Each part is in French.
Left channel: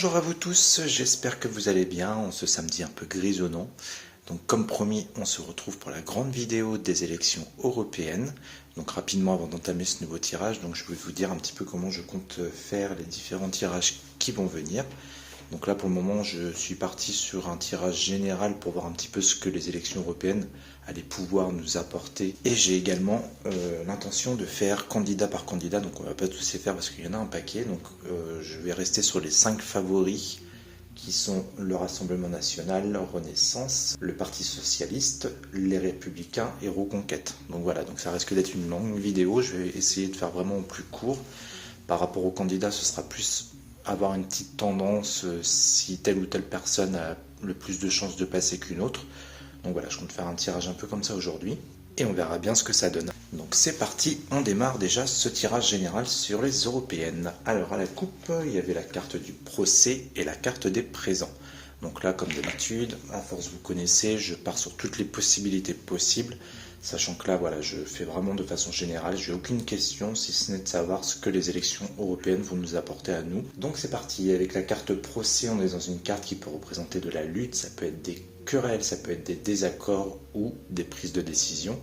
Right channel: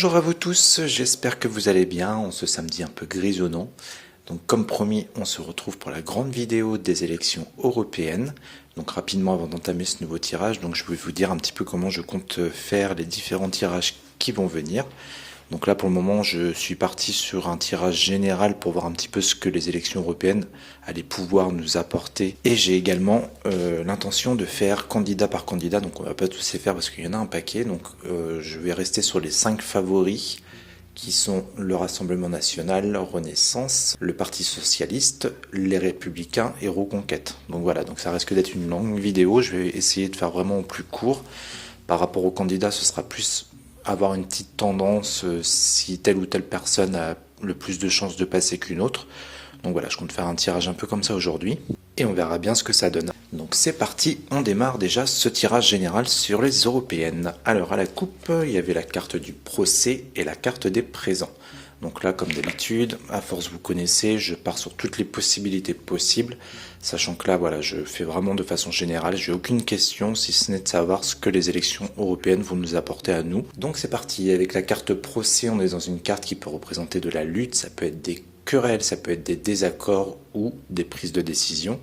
Bonjour à vous tous, j'espère que vous allez bien en ce samedi un peu grisonnant. Donc comme promis, on se retrouve pour la grande vidéo des élections européennes. Donc rapidement avant d'entamer ce nouveau tirage, donc je vais vous dire un petit peu comment je compte faire les différents tirages qui vont venir. Donc là pour le moment je suis parti sur un tirage général pour voir un petit peu ce que les élections européennes allaient pouvoir nous apporter. Et j'ai également l'intention de faire candidat par candidat, donc on va pas tous les faire parce qu'il y en a un paquet. Donc je vais rester sur les 5 favoris qui sont le Rassemblement National, Renaissance, le Parti Socialiste, les Républicains et Reconquête. Donc voilà, donc ça risque d'être une longue vidéo, je vais essayer de faire vraiment plus court. Par rapport aux candidats, ce sera plus avoir une petite tendance si telle ou telle personne a le plus de chances de passer qu'une autre. Donc voilà, je compte faire un tirage un peu comme ça aujourd'hui et on verra bien ce que ça donne. Donc c'est parti, on démarre déjà ce tirage général sur les européennes. Alors à la coupe, il y avait la carte du procès et la carte des présents. Donc là, comme d'habitude, à force vous connaissez, je pars sur toutes les possibilités possibles, sachant que là, voilà, je fais vraiment de façon générale, j'ai aucune question si ce n'est de savoir ce que les élections européennes vont nous apporter à nous. Donc c'est parti, avec la carte procès, on est dans une carte qui peut représenter de la lutte, ça peut être des querelles, ça peut être des désaccords ou des prises de décision.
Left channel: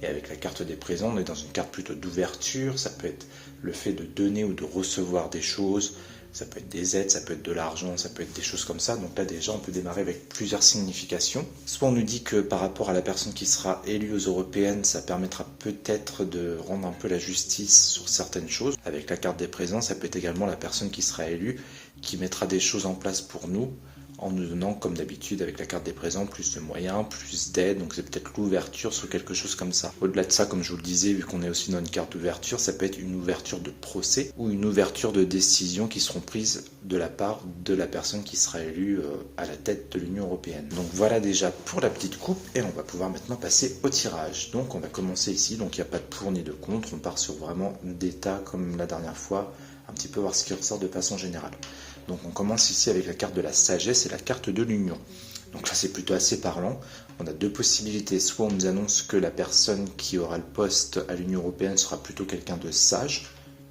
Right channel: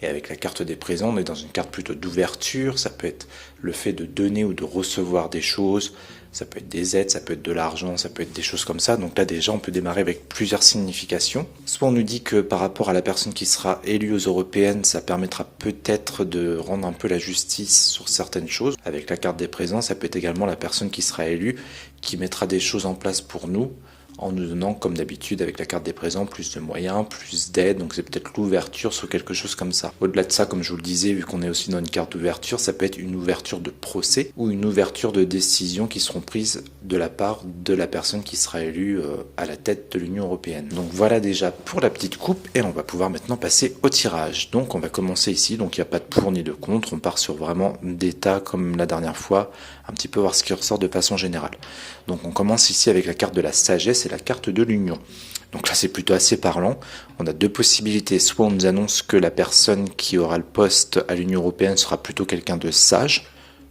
Et avec la carte des présents, on est dans une carte plutôt d'ouverture, ça peut être le fait de donner ou de recevoir des choses, ça peut être des aides, ça peut être de l'argent, ça peut être des choses comme ça. Donc là déjà on peut démarrer avec plusieurs significations. Soit on nous dit que par rapport à la personne qui sera élue aux européennes, ça permettra peut-être de rendre un peu la justice sur certaines choses. Avec la carte des présents, ça peut être également la personne qui sera élue, qui mettra des choses en place pour nous, en nous donnant, comme d'habitude, avec la carte des présents, plus de moyens, plus d'aide, donc c'est peut-être l'ouverture sur quelque chose comme ça. Au-delà de ça, comme je vous le disais, vu qu'on est aussi dans une carte d'ouverture, ça peut être une ouverture de procès ou une ouverture de décisions qui seront prises de la part de la personne qui sera élue à la tête de l'Union européenne. Donc voilà déjà pour la petite coupe, et on va pouvoir maintenant passer au tirage. Donc on va commencer ici, donc il n'y a pas de pour ni de contre, on part sur vraiment d'état comme la dernière fois, un petit peu voir ce qui ressort de façon générale. Donc on commence ici avec la carte de la sagesse et la carte de l'union. Donc là c'est plutôt assez parlant. On a deux possibilités. Soit on nous annonce que la personne qui aura le poste à l'Union européenne sera plutôt quelqu'un de sage.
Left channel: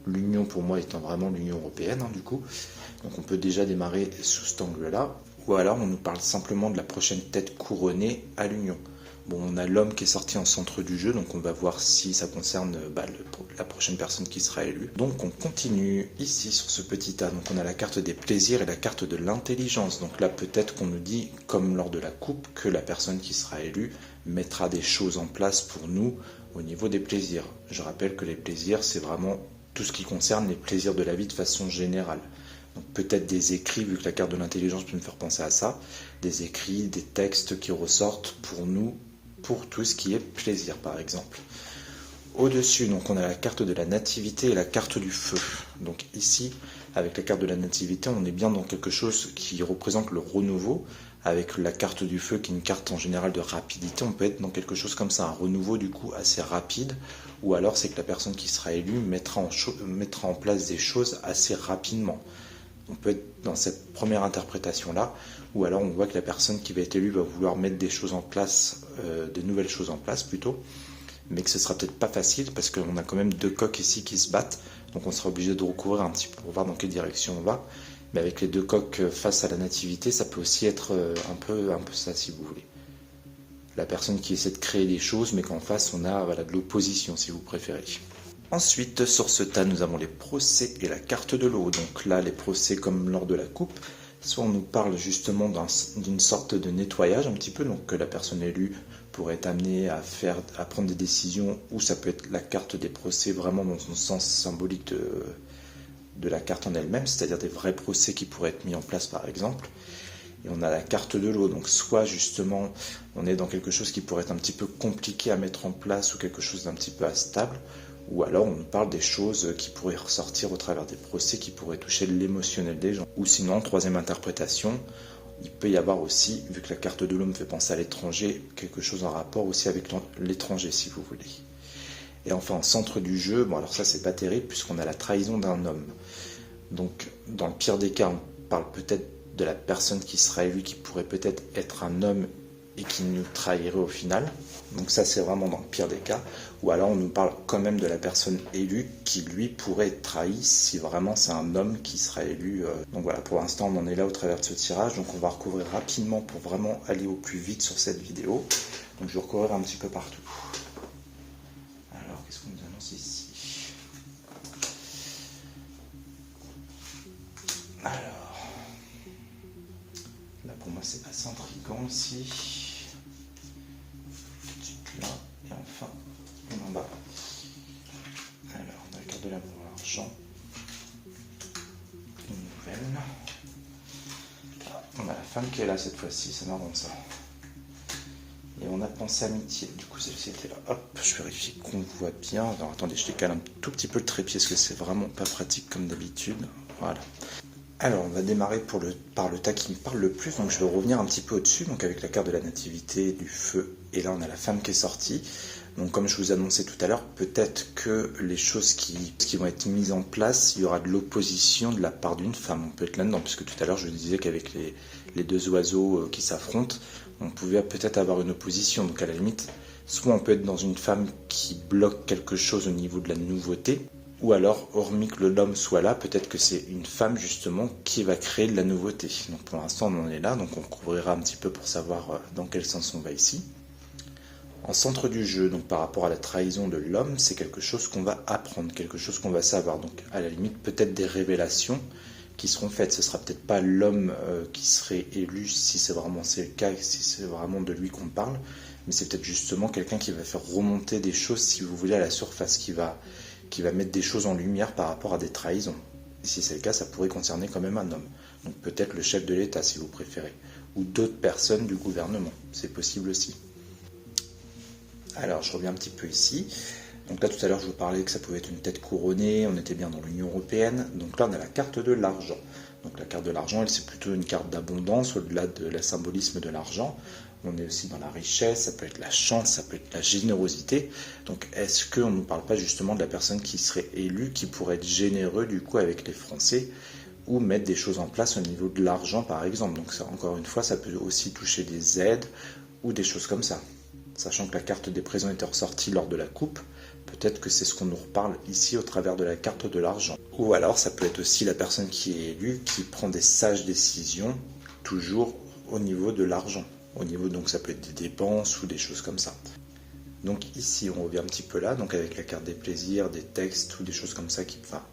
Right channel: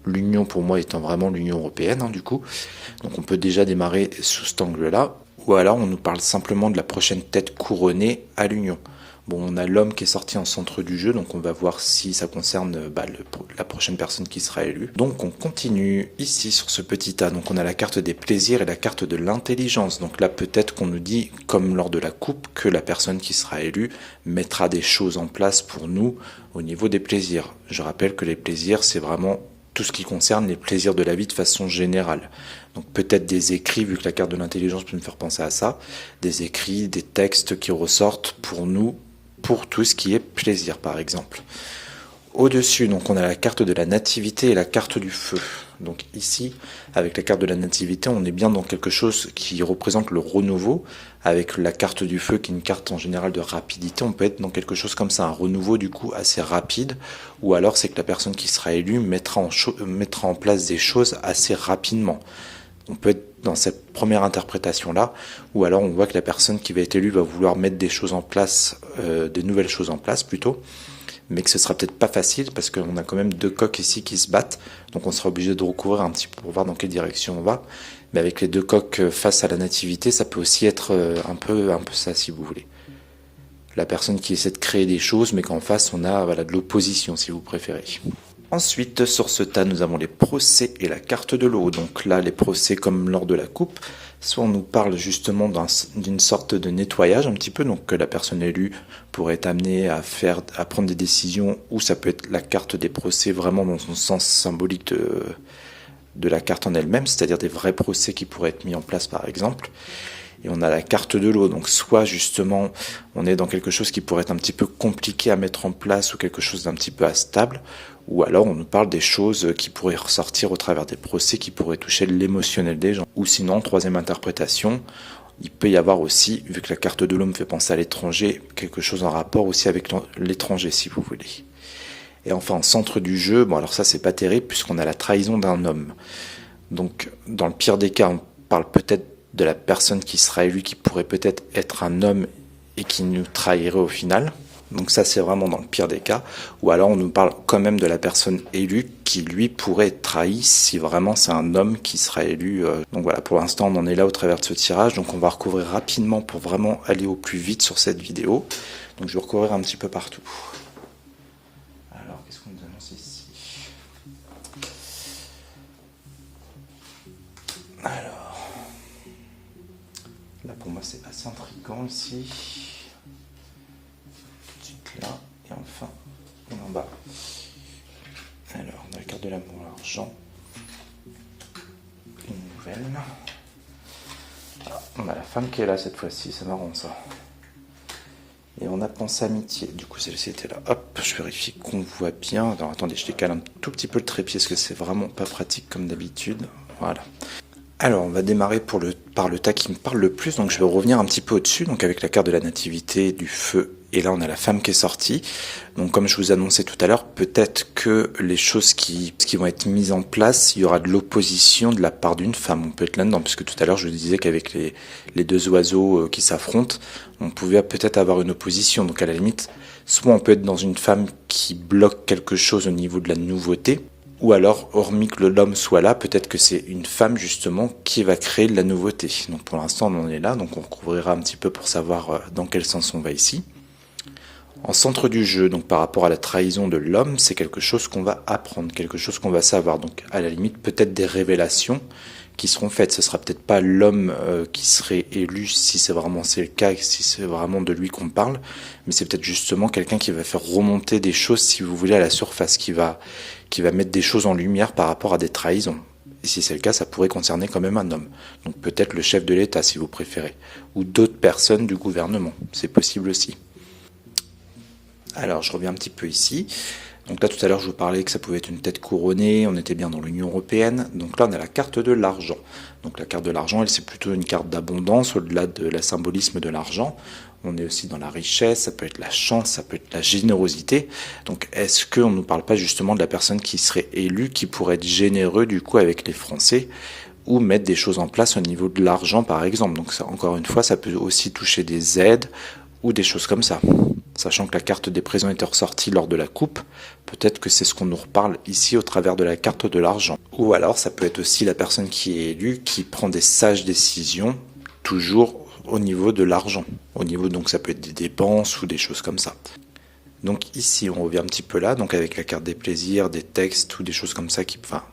L'union pour moi étant vraiment l'Union européenne du coup. Donc on peut déjà démarrer sous cet angle-là. Ou alors on nous parle simplement de la prochaine tête couronnée à l'Union. Bon, on a l'homme qui est sorti en centre du jeu, donc on va voir si ça concerne la prochaine personne qui sera élue. Donc on continue ici sur ce petit tas. Donc on a la carte des plaisirs et la carte de l'intelligence. Donc là peut-être qu'on nous dit, comme lors de la coupe, que la personne qui sera élue mettra des choses en place pour nous au niveau des plaisirs. Je rappelle que les plaisirs, c'est vraiment tout ce qui concerne les plaisirs de la vie de façon générale. Donc peut-être des écrits, vu que la carte de l'intelligence peut me faire penser à ça, des écrits, des textes qui ressortent pour nous, pour tout ce qui est plaisir par exemple. Au-dessus, donc on a la carte de la nativité et la carte du feu. Donc ici, avec la carte de la nativité, on est bien dans quelque chose qui représente le renouveau. Avec la carte du feu, qui est une carte en général de rapidité, on peut être dans quelque chose comme ça, un renouveau du coup assez rapide. Ou alors c'est que la personne qui sera élue mettra en place des choses assez rapidement. On peut être dans cette première interprétation-là, ou alors on voit que la personne qui va être élue va vouloir mettre des choses en place, de nouvelles choses en place plutôt, mais que ce sera peut-être pas facile parce qu'on a quand même deux coqs ici qui se battent, donc on sera obligé de recouvrir un petit peu pour voir dans quelle direction on va. Mais avec les deux coqs face à la nativité, ça peut aussi être un peu ça si vous voulez. La personne qui essaie de créer des choses, mais qu'en face on a de l'opposition si vous préférez. Ensuite, sur ce tas, nous avons les procès et la carte de l'eau. Donc là, les procès comme lors de la coupe, soit on nous parle justement d'une sorte de nettoyage un petit peu, donc que la personne élue pourrait être amenée à prendre des décisions, ou ça peut être la carte des procès vraiment dans son sens symbolique de la carte en elle-même, c'est-à-dire des vrais procès qui pourraient être mis en place par exemple. Et on a la carte de l'eau, donc soit justement on est dans quelque chose qui pourrait être un petit peu compliqué à mettre en place ou quelque chose d'un petit peu instable, ou alors on nous parle des choses qui pourraient ressortir au travers des procès qui pourraient toucher l'émotionnel des gens. Ou sinon, troisième interprétation, il peut y avoir aussi, vu que la carte de l'eau me fait penser à l'étranger, quelque chose en rapport aussi avec l'étranger si vous voulez. Et enfin, en centre du jeu, bon alors ça c'est pas terrible puisqu'on a la trahison d'un homme. Donc dans le pire des cas, on parle peut-être de la personne qui sera élue qui pourrait peut-être être un homme et qui nous trahirait au final. Donc ça, c'est vraiment dans le pire des cas. Ou alors on nous parle quand même de la personne élue qui, lui, pourrait être trahi si vraiment c'est un homme qui sera élu. Donc voilà, pour l'instant, on en est là au travers de ce tirage. Donc on va recouvrir rapidement pour vraiment aller au plus vite sur cette vidéo. Donc je vais recouvrir un petit peu partout. Alors, qu'est-ce qu'on nous annonce ici? Alors, là pour moi, c'est assez intriguant ici. Là, et enfin, en bas. Alors, on a la carte de l'amour, l'argent. Une nouvelle. On a la femme qui est là cette fois-ci, c'est marrant ça. Et on a pensée amitié. Du coup, celle-ci était là. Hop, je vérifie qu'on voit bien. Alors, attendez, je décale un tout petit peu le trépied parce que c'est vraiment pas pratique comme d'habitude. Voilà. Alors, on va démarrer par le tas qui me parle le plus. Donc, je vais revenir un petit peu au-dessus. Donc, avec la carte de la nativité, du feu. Et là, on a la femme qui est sortie. Donc, comme je vous annonçais tout à l'heure, peut-être que les choses qui vont être mises en place, il y aura de l'opposition de la part d'une femme. On peut être là-dedans, puisque tout à l'heure, je vous disais qu'avec les deux oiseaux qui s'affrontent, on pouvait peut-être avoir une opposition. Donc, à la limite, soit on peut être dans une femme qui bloque quelque chose au niveau de la nouveauté, ou alors, hormis que l'homme soit là, peut-être que c'est une femme justement qui va créer de la nouveauté. Donc pour l'instant, on en est là, donc on recouvrira un petit peu pour savoir dans quel sens on va ici. En centre du jeu, donc par rapport à la trahison de l'homme, c'est quelque chose qu'on va apprendre, quelque chose qu'on va savoir. Donc à la limite, peut-être des révélations qui seront faites. Ce sera peut-être pas l'homme qui serait élu si c'est le cas, si c'est vraiment de lui qu'on parle, mais c'est peut-être justement quelqu'un qui va faire remonter des choses, si vous voulez, à la surface, qui va mettre des choses en lumière par rapport à des trahisons. Et si c'est le cas, ça pourrait concerner quand même un homme. Donc peut-être le chef de l'État, si vous préférez, ou d'autres personnes du gouvernement. C'est possible aussi. Alors, je reviens un petit peu ici. Donc là, tout à l'heure, je vous parlais que ça pouvait être une tête couronnée, on était bien dans l'Union européenne. Donc là, on a la carte de l'argent. Donc la carte de l'argent, elle, c'est plutôt une carte d'abondance, au-delà de la symbolisme de l'argent. On est aussi dans la richesse, ça peut être la chance, ça peut être la générosité. Donc est-ce qu'on ne nous parle pas justement de la personne qui serait élue, qui pourrait être généreux du coup avec les Français, ou mettre des choses en place au niveau de l'argent par exemple. Donc ça, encore une fois, ça peut aussi toucher des aides ou des choses comme ça. Sachant que la carte des présents était ressortie lors de la coupe, peut-être que c'est ce qu'on nous reparle ici au travers de la carte de l'argent. Ou alors ça peut être aussi la personne qui est élue, qui prend des sages décisions, toujours au niveau de l'argent. Donc ça peut être des dépenses ou des choses comme ça. Donc ici on revient un petit peu là, donc avec la carte des plaisirs, des textes ou des choses comme ça,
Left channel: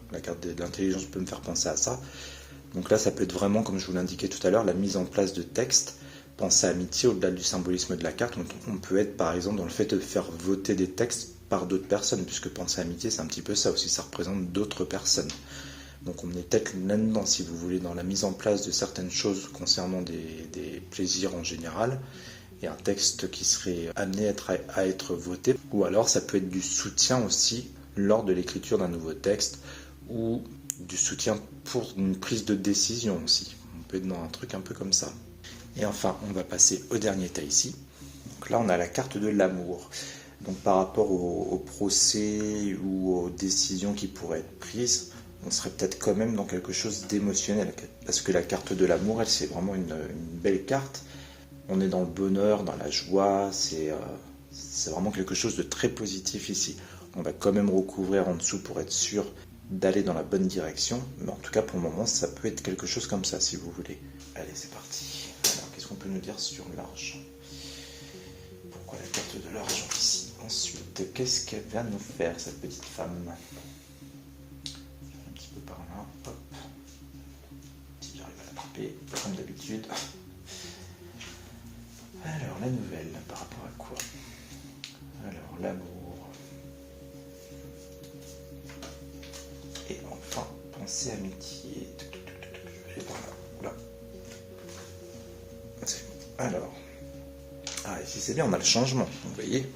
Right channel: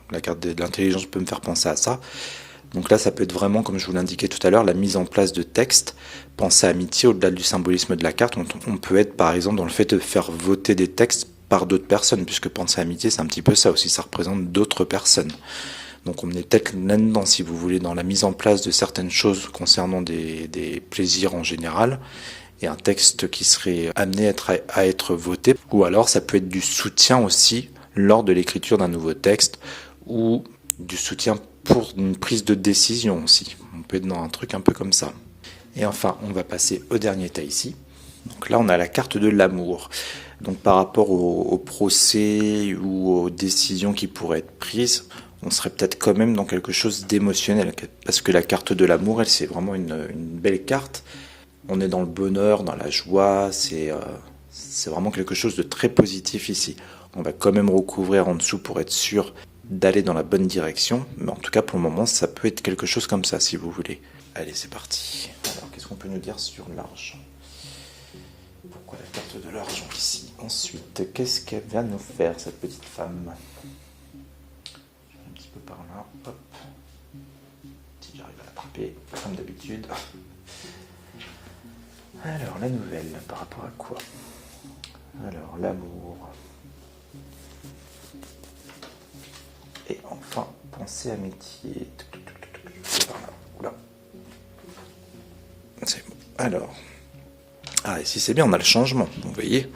la carte de l'intelligence peut me faire penser à ça. Donc là ça peut être vraiment, comme je vous l'indiquais tout à l'heure, la mise en place de textes. Pensée amitié, au-delà du symbolisme de la carte, on peut être par exemple dans le fait de faire voter des textes par d'autres personnes, puisque pensée amitié c'est un petit peu ça aussi, ça représente d'autres personnes. Donc on est peut-être là-dedans, si vous voulez, dans la mise en place de certaines choses concernant des plaisirs en général, et un texte qui serait amené à être voté. Ou alors ça peut être du soutien aussi lors de l'écriture d'un nouveau texte, ou du soutien pour une prise de décision aussi. On peut être dans un truc un peu comme ça. Et enfin, on va passer au dernier tas ici. Donc là, on a la carte de l'amour. Donc par rapport au procès ou aux décisions qui pourraient être prises, on serait peut-être quand même dans quelque chose d'émotionnel. Parce que la carte de l'amour, elle, c'est vraiment une belle carte. On est dans le bonheur, dans la joie, c'est vraiment quelque chose de très positif ici. On va quand même recouvrir en dessous pour être sûr d'aller dans la bonne direction. Mais en tout cas, pour le moment, ça peut être quelque chose comme ça, si vous voulez. Allez, c'est parti. Alors, qu'est-ce qu'on peut nous dire sur l'argent? Pourquoi la carte de l'argent ici? Ensuite, qu'est-ce qu'elle va nous faire, cette petite femme? Je vais un petit peu par là. Hop. Si j'arrive à l'attraper, comme d'habitude. Alors, la nouvelle, par rapport à quoi? Alors, l'amour. Et enfin, pensée amitié. C'est par là. Oula. Alors, ici c'est bien, on a le changement, vous voyez,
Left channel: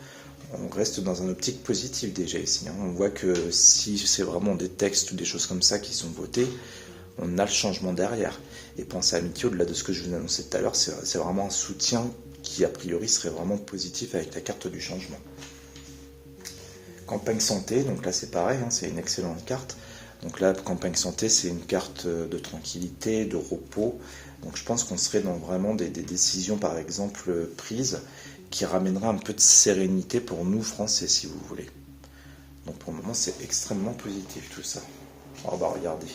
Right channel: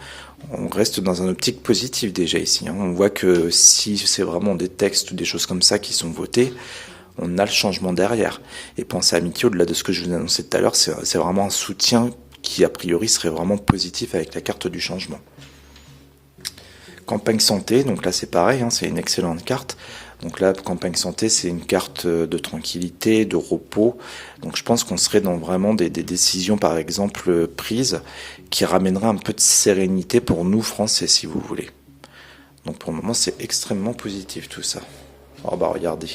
on reste dans un optique positive déjà ici, hein. On voit que si c'est vraiment des textes ou des choses comme ça qui sont votés, on a le changement derrière. Et pensée amitié, au-delà de ce que je vous annonçais tout à l'heure, c'est vraiment un soutien qui a priori serait vraiment positif avec la carte du changement. Campagne santé, donc là c'est pareil, hein, c'est une excellente carte. Donc là, campagne santé, c'est une carte de tranquillité, de repos. Donc je pense qu'on serait dans vraiment des décisions, par exemple, prises qui ramèneraient un peu de sérénité pour nous, Français, si vous voulez. Donc pour le moment, c'est extrêmement positif tout ça. Oh bah regardez,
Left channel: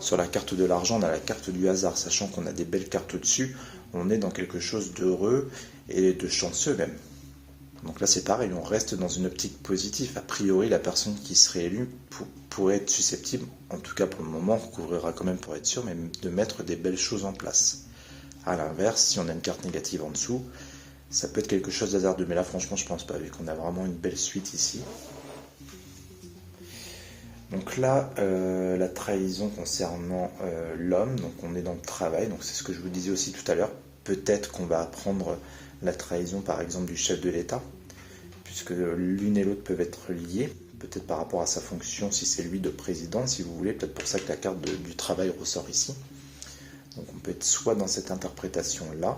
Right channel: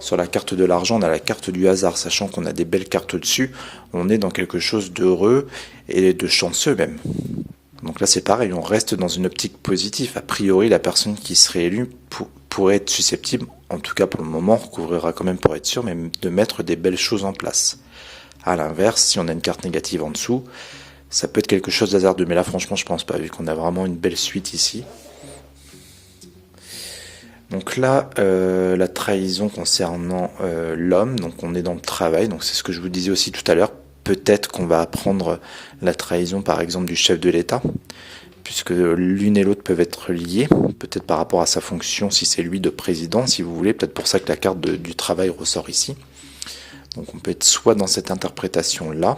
sur la carte de l'argent, on a la carte du hasard, sachant qu'on a des belles cartes dessus. On est dans quelque chose d'heureux et de chanceux même. Donc là, c'est pareil, on reste dans une optique positive. A priori, la personne qui serait élue pourrait être susceptible, en tout cas pour le moment, on recouvrira quand même pour être sûr, mais de mettre des belles choses en place. À l'inverse, si on a une carte négative en dessous, ça peut être quelque chose d'hasardeux. Mais là, franchement, je pense pas, vu qu'on a vraiment une belle suite ici. Donc là, la trahison concernant l'homme, donc on est dans le travail, donc c'est ce que je vous disais aussi tout à l'heure. Peut-être qu'on va apprendre la trahison, par exemple, du chef de l'État, puisque l'une et l'autre peuvent être liées, peut-être par rapport à sa fonction, si c'est lui de président, si vous voulez, peut-être pour ça que la carte du travail ressort ici. Donc on peut être soit dans cette interprétation-là,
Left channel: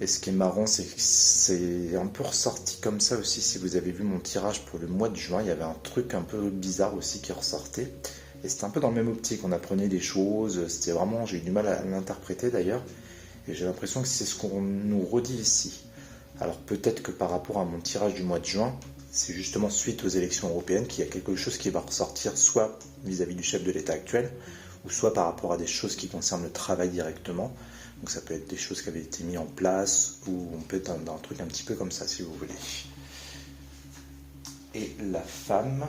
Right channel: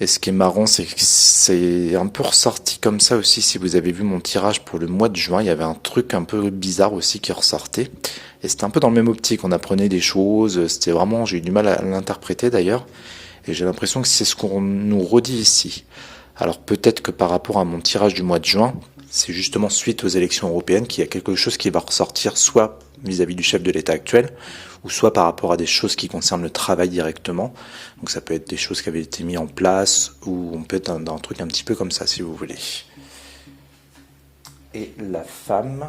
et ce qui est marrant, c'est que c'est un peu ressorti comme ça aussi, si vous avez vu mon tirage pour le mois de juin, il y avait un truc un peu bizarre aussi qui ressortait, et c'était un peu dans le même optique, on apprenait des choses, c'était vraiment, j'ai eu du mal à l'interpréter d'ailleurs, et j'ai l'impression que c'est ce qu'on nous redit ici. Alors peut-être que par rapport à mon tirage du mois de juin, c'est justement suite aux élections européennes qu'il y a quelque chose qui va ressortir soit vis-à-vis du chef de l'État actuel, ou soit par rapport à des choses qui concernent le travail directement. Donc ça peut être des choses qui avaient été mises en place, ou on peut être dans un truc un petit peu comme ça si vous voulez. Et la femme...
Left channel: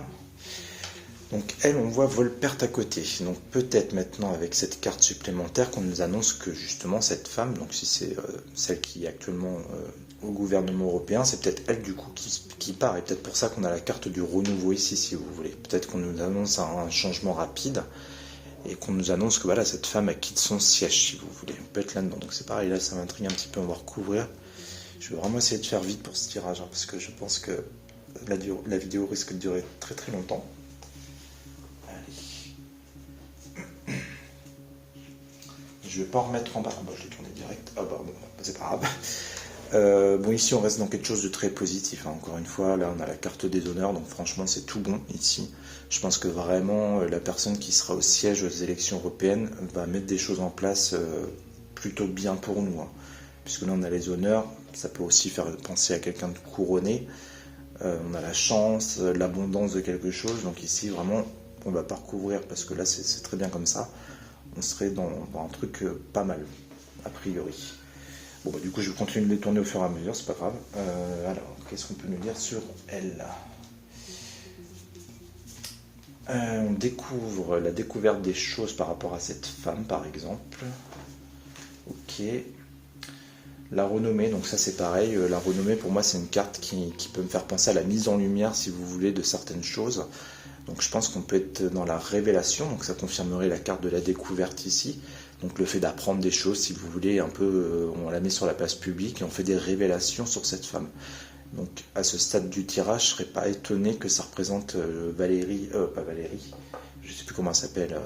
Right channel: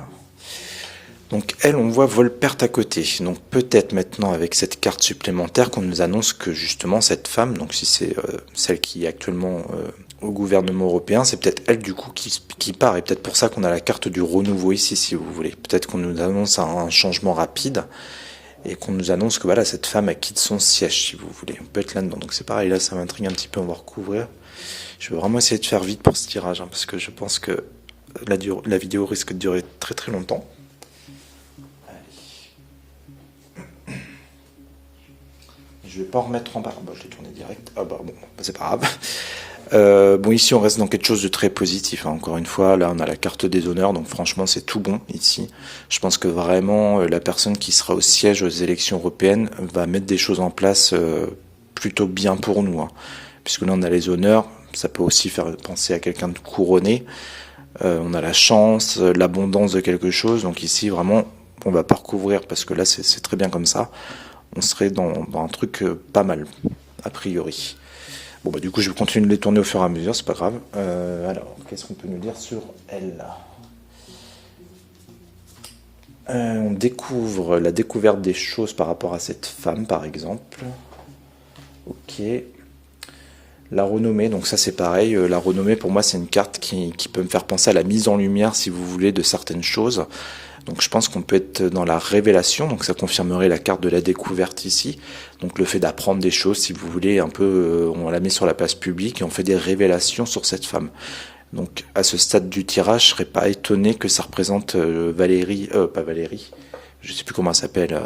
Donc elle, on voit vol-perte à côté. Donc peut-être maintenant avec cette carte supplémentaire qu'on nous annonce que justement cette femme, donc si c'est celle qui est actuellement au gouvernement européen, c'est peut-être elle du coup qui part. Et peut-être pour ça qu'on a la carte du renouveau ici, si vous voulez. Peut-être qu'on nous annonce un changement rapide et qu'on nous annonce que voilà, cette femme elle quitte son siège, si vous voulez. On peut être là-dedans. Donc c'est pareil, là ça m'intrigue un petit peu, on va recouvrir. Je vais vraiment essayer de faire vite pour ce tirage, hein, parce que je pense que la vidéo risque de durer très très longtemps. Je vais pas en remettre en bas. Bon, je l'ai tourné direct. Ah bah bon, c'est pas grave. Bon, ici on reste dans quelque chose de très positif, hein. Encore une fois, là on a la carte des honneurs, donc franchement c'est tout bon ici. Je pense que vraiment la personne qui sera au siège aux élections européennes va mettre des choses en place plutôt bien pour nous, hein. Puisque là on a les honneurs, ça peut aussi faire penser à quelqu'un de couronné. On a la chance, l'abondance de quelque chose, donc ici vraiment on va pas recouvrir parce que là c'est très bien comme ça. On serait dans un truc pas mal, a priori. Bon, bah, du coup, je vais continuer de les tourner au fur et à mesure, c'est pas grave. Alors, qu'est-ce qu'on peut nous dire sur elle? On découvre la découverte des choses par rapport à cette femme, par exemple. Ok. La renommée, donc ça c'est pareil. La renommée, pour moi, c'est une carte qui peut me faire penser à la mise en lumière, si vous voulez, de certaines choses. Donc je pense qu'on peut être dans la révélation, donc ça confirmerait la carte de la découverte ici. Donc le fait d'apprendre des choses, si vous voulez, un peu, on la met sur la place publique et on fait des révélations sur cette femme. Donc à ce stade du tirage, je serais pas étonné que ça représente Valérie, pas Valérie, je sais plus comment elle s'appelle,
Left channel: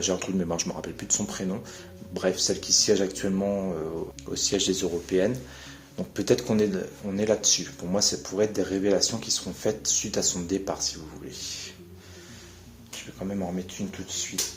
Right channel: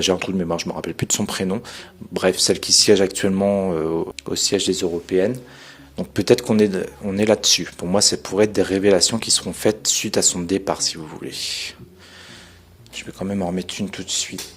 j'ai un trou de mémoire, je me rappelle plus de son prénom. Bref, celle qui siège actuellement au siège des Européennes. Donc peut-être qu'on est là-dessus. Pour moi, ça pourrait être des révélations qui seront faites suite à son départ, si vous voulez. Je vais quand même en remettre une tout de suite.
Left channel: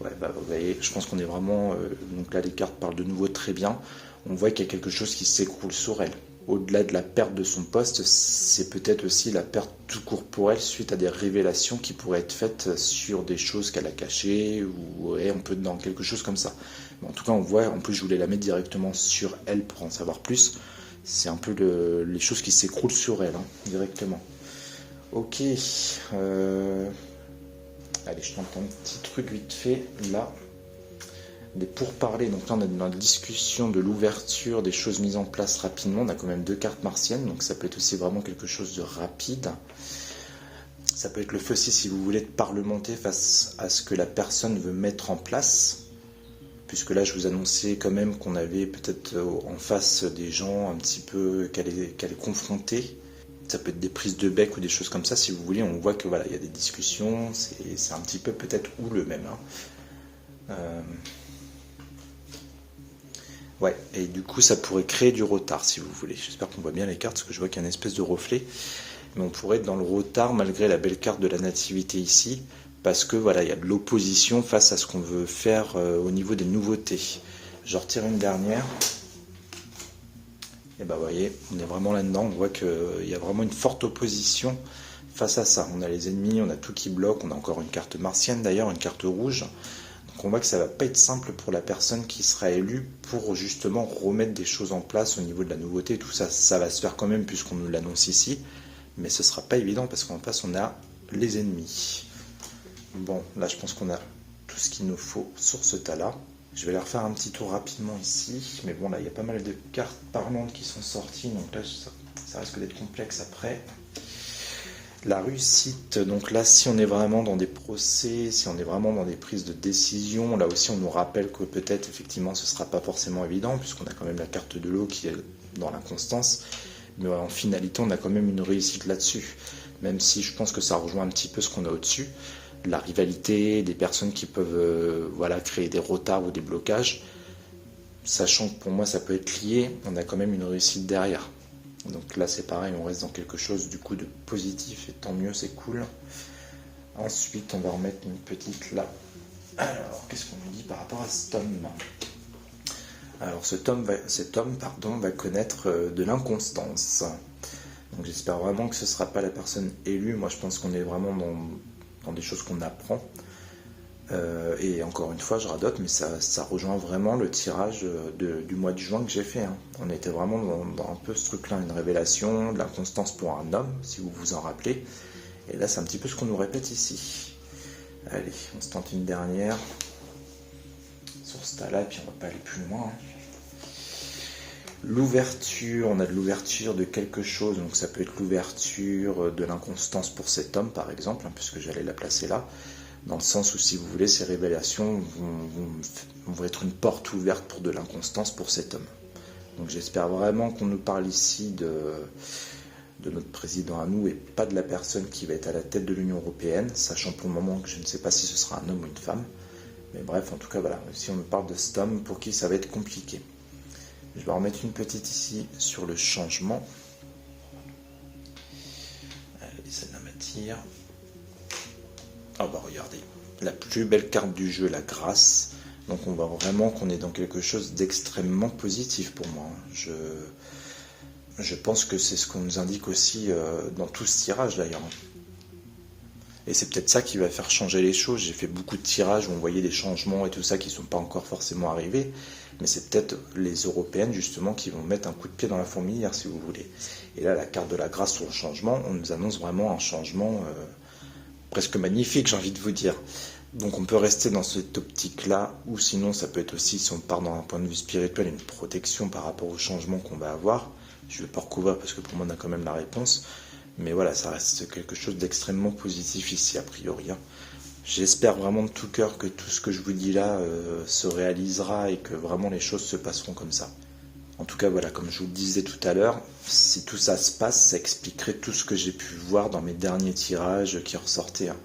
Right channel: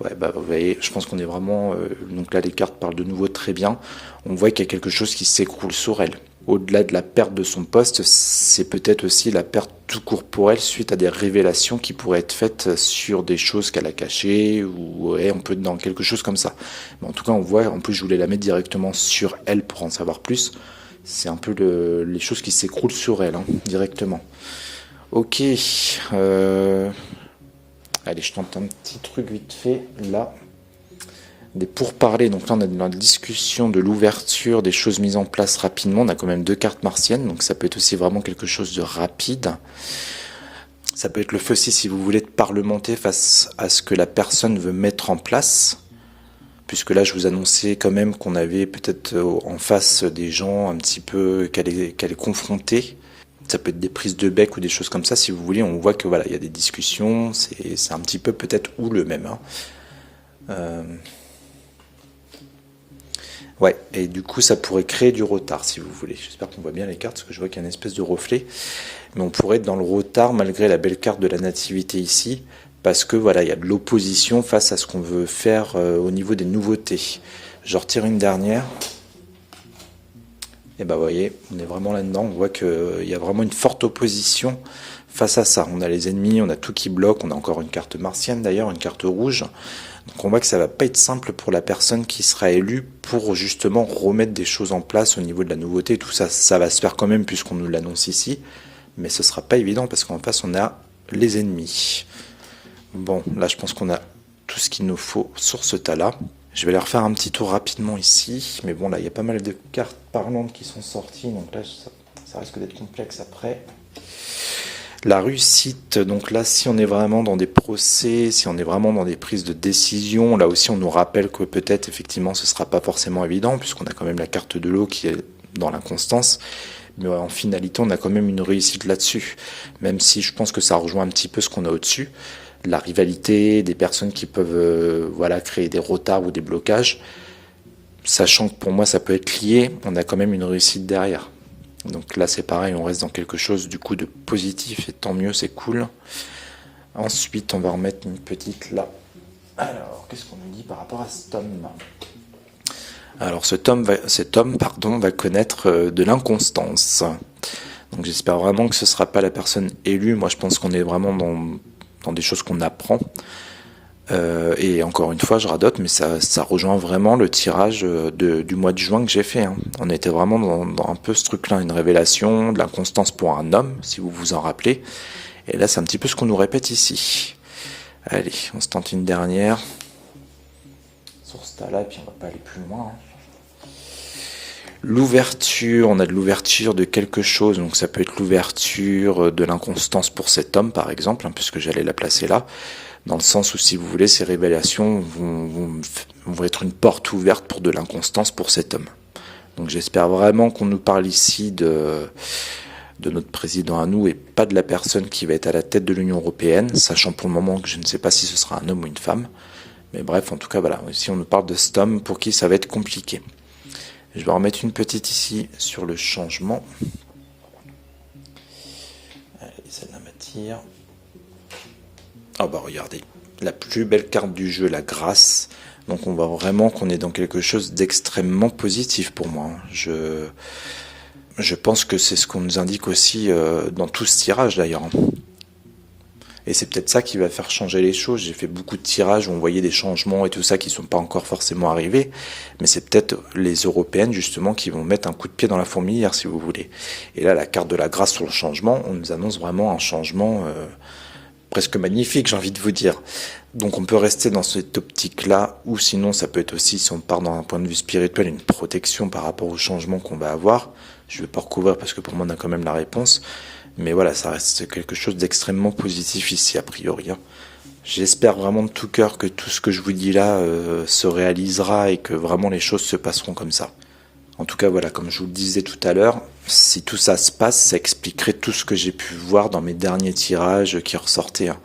Ouais, bah vous voyez, je pense qu'on est vraiment... donc là, les cartes parlent de nouveau très bien. On voit qu'il y a quelque chose qui s'écroule sur elle. Au-delà de la perte de son poste, c'est peut-être aussi la perte tout court pour elle suite à des révélations qui pourraient être faites sur des choses qu'elle a cachées, ou ouais, on peut être dans quelque chose comme ça. Mais en tout cas, on voit, en plus je voulais la mettre directement sur elle pour en savoir plus. C'est un peu les choses qui s'écroulent sur elle, hein, directement. Ok. Allez, je tente un petit truc vite fait, là. Des pourparlers, donc là on a dans la discussion de l'ouverture, des choses mises en place rapidement. On a quand même 2 cartes martiennes, donc ça peut être aussi vraiment quelque chose de rapide. Ça peut être le fait aussi, si vous voulez, de parlementer face à ce que la personne veut mettre en place. Puisque là je vous annonçais quand même qu'on avait peut-être en face des gens un petit peu qu'elle est confrontée. Ça peut être des prises de bec ou des choses comme ça, si vous voulez. On voit que voilà, il y a des discussions, c'est un petit peu peut-être houleux même, hein. Ouais, et du coup, ça pourrait créer du retard, si vous voulez. J'espère qu'on voit bien les cartes, parce que je vois qu'il y a une espèce de reflet. Mais on pourrait être dans le retard, malgré la belle carte de la nativité ici, parce que voilà, il y a de l'opposition face à ce qu'on veut faire au niveau des nouveautés. Je retire une dernière. Et ben, vous voyez, on est vraiment là-dedans. On voit qu'il y a vraiment une forte opposition face à ça. On a les ennemis, on a tout qui bloque. On a encore une carte martienne d'ailleurs, une carte rouge. Donc on voit que ça va pas être simple pour la personne qui sera élue pour justement remettre des choses en place au niveau de la nouveauté. Tout ça, ça va se faire quand même puisqu'on nous l'annonce ici. Mais ce sera pas évident parce qu'en face on a les ennemis. Bon, là je pense qu'on a tout ce qu'il nous faut sur ce tas-là. Je vais aller refaire un petit tour rapidement ici. Mais bon, là il y a pas mal de cartes parlantes qui sont sorties. Donc là ça risque d'être complexe après. La réussite, donc là, si on est vraiment dans des procès, si on est vraiment dans des prises de décision, là aussi on nous rappelle que peut-être effectivement ce ne sera pas forcément évident, puisqu'on a quand même la carte de l'eau qui est dans l'inconstance, mais en finalité on a quand même une réussite là-dessus, même si je pense que ça rejoint un petit peu ce qu'on a au-dessus, la rivalité, des personnes qui peuvent voilà, créer des retards ou des blocages, sachant que pour moi ça peut être lié, on a quand même une réussite derrière. Donc là c'est pareil, on reste dans quelque chose du coup de positif et tant mieux, c'est cool. Ensuite on va remettre une petite là. Alors qu'est-ce qu'on nous dit par rapport à cet homme? Alors cet homme va connaître de l'inconstance. Donc j'espère vraiment que ce ne sera pas la personne élue. Moi je pense qu'on est vraiment dans des choses qu'on apprend. Et encore une fois, je radote, mais ça rejoint vraiment le tirage du mois de juin que j'ai fait. Hein. On était vraiment dans un peu ce truc-là, une révélation, de l'inconstance pour un homme, si vous vous en rappelez. Et là, c'est un petit peu ce qu'on nous répète ici. Allez, on se tente une dernière. Sur ce tas-là, et puis on va pas aller plus loin. Hein. L'ouverture, on a de l'ouverture de quelque chose, donc ça peut être l'ouverture de l'inconstance pour cet homme, par exemple, hein, puisque j'allais la placer là. Dans le sens où, si vous voulez, ces révélations vont être une porte ouverte pour de l'inconstance pour cet homme. Donc j'espère vraiment qu'on nous parle ici de notre président à nous et pas de la personne qui va être à la tête de l'Union européenne, sachant pour le moment que je ne sais pas si ce sera un homme ou une femme. Mais bref, en tout cas, voilà, ici on nous parle de cet homme pour qui ça va être compliqué. Je vais remettre une petite ici sur le changement. Allez, celle-là m'attire. Ah bah regardez, la plus belle carte du jeu, la grâce. Donc on voit vraiment qu'on est dans quelque chose d'extrêmement positif pour moi. Je pense que c'est ce qu'on nous indique aussi dans tout ce tirage d'ailleurs. Et c'est peut-être ça qui va faire changer les choses. J'ai fait beaucoup de tirages où on voyait des changements et tout ça qui ne sont pas encore forcément arrivés. Mais c'est peut-être les européennes justement qui vont mettre un coup de pied dans la fourmilière si vous voulez. Et là, la carte de la grâce sur le changement, on nous annonce vraiment un changement... presque magnifique, j'ai envie de vous dire. Donc on peut rester dans cette optique-là, ou sinon ça peut être aussi, si on part dans un point de vue spirituel, une protection par rapport au changement qu'on va avoir. Je ne vais pas recouvrir parce que pour moi on a quand même la réponse. Mais voilà, ça reste quelque chose d'extrêmement positif ici, a priori. Hein. J'espère vraiment de tout cœur que tout ce que je vous dis là se réalisera et que vraiment les choses se passeront comme ça. En tout cas, voilà, comme je vous le disais tout à l'heure, si tout ça se passe, ça expliquerait tout ce que j'ai pu voir dans mes derniers tirages qui ressortaient. Hein.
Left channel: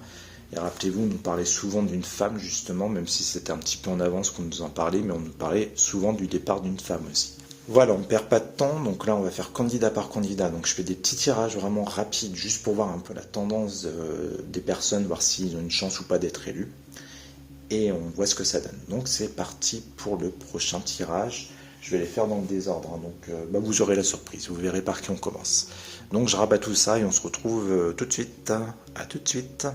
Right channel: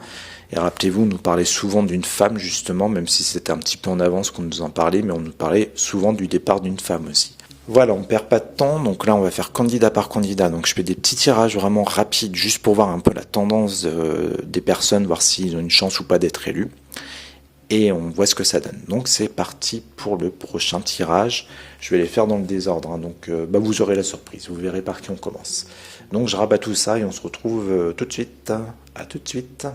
Et rappelez-vous, on nous parlait souvent d'une femme, justement, même si c'était un petit peu en avance qu'on nous en parlait, mais on nous parlait souvent du départ d'une femme aussi. Voilà, on ne perd pas de temps, donc là on va faire candidat par candidat. Donc je fais des petits tirages vraiment rapides, juste pour voir un peu la tendance des personnes, voir s'ils ont une chance ou pas d'être élus. Et on voit ce que ça donne. Donc c'est parti pour le prochain tirage. Je vais les faire dans le désordre, hein. Donc vous aurez la surprise, vous verrez par qui on commence. Donc je rabats tout ça et on se retrouve tout de suite. À tout de suite.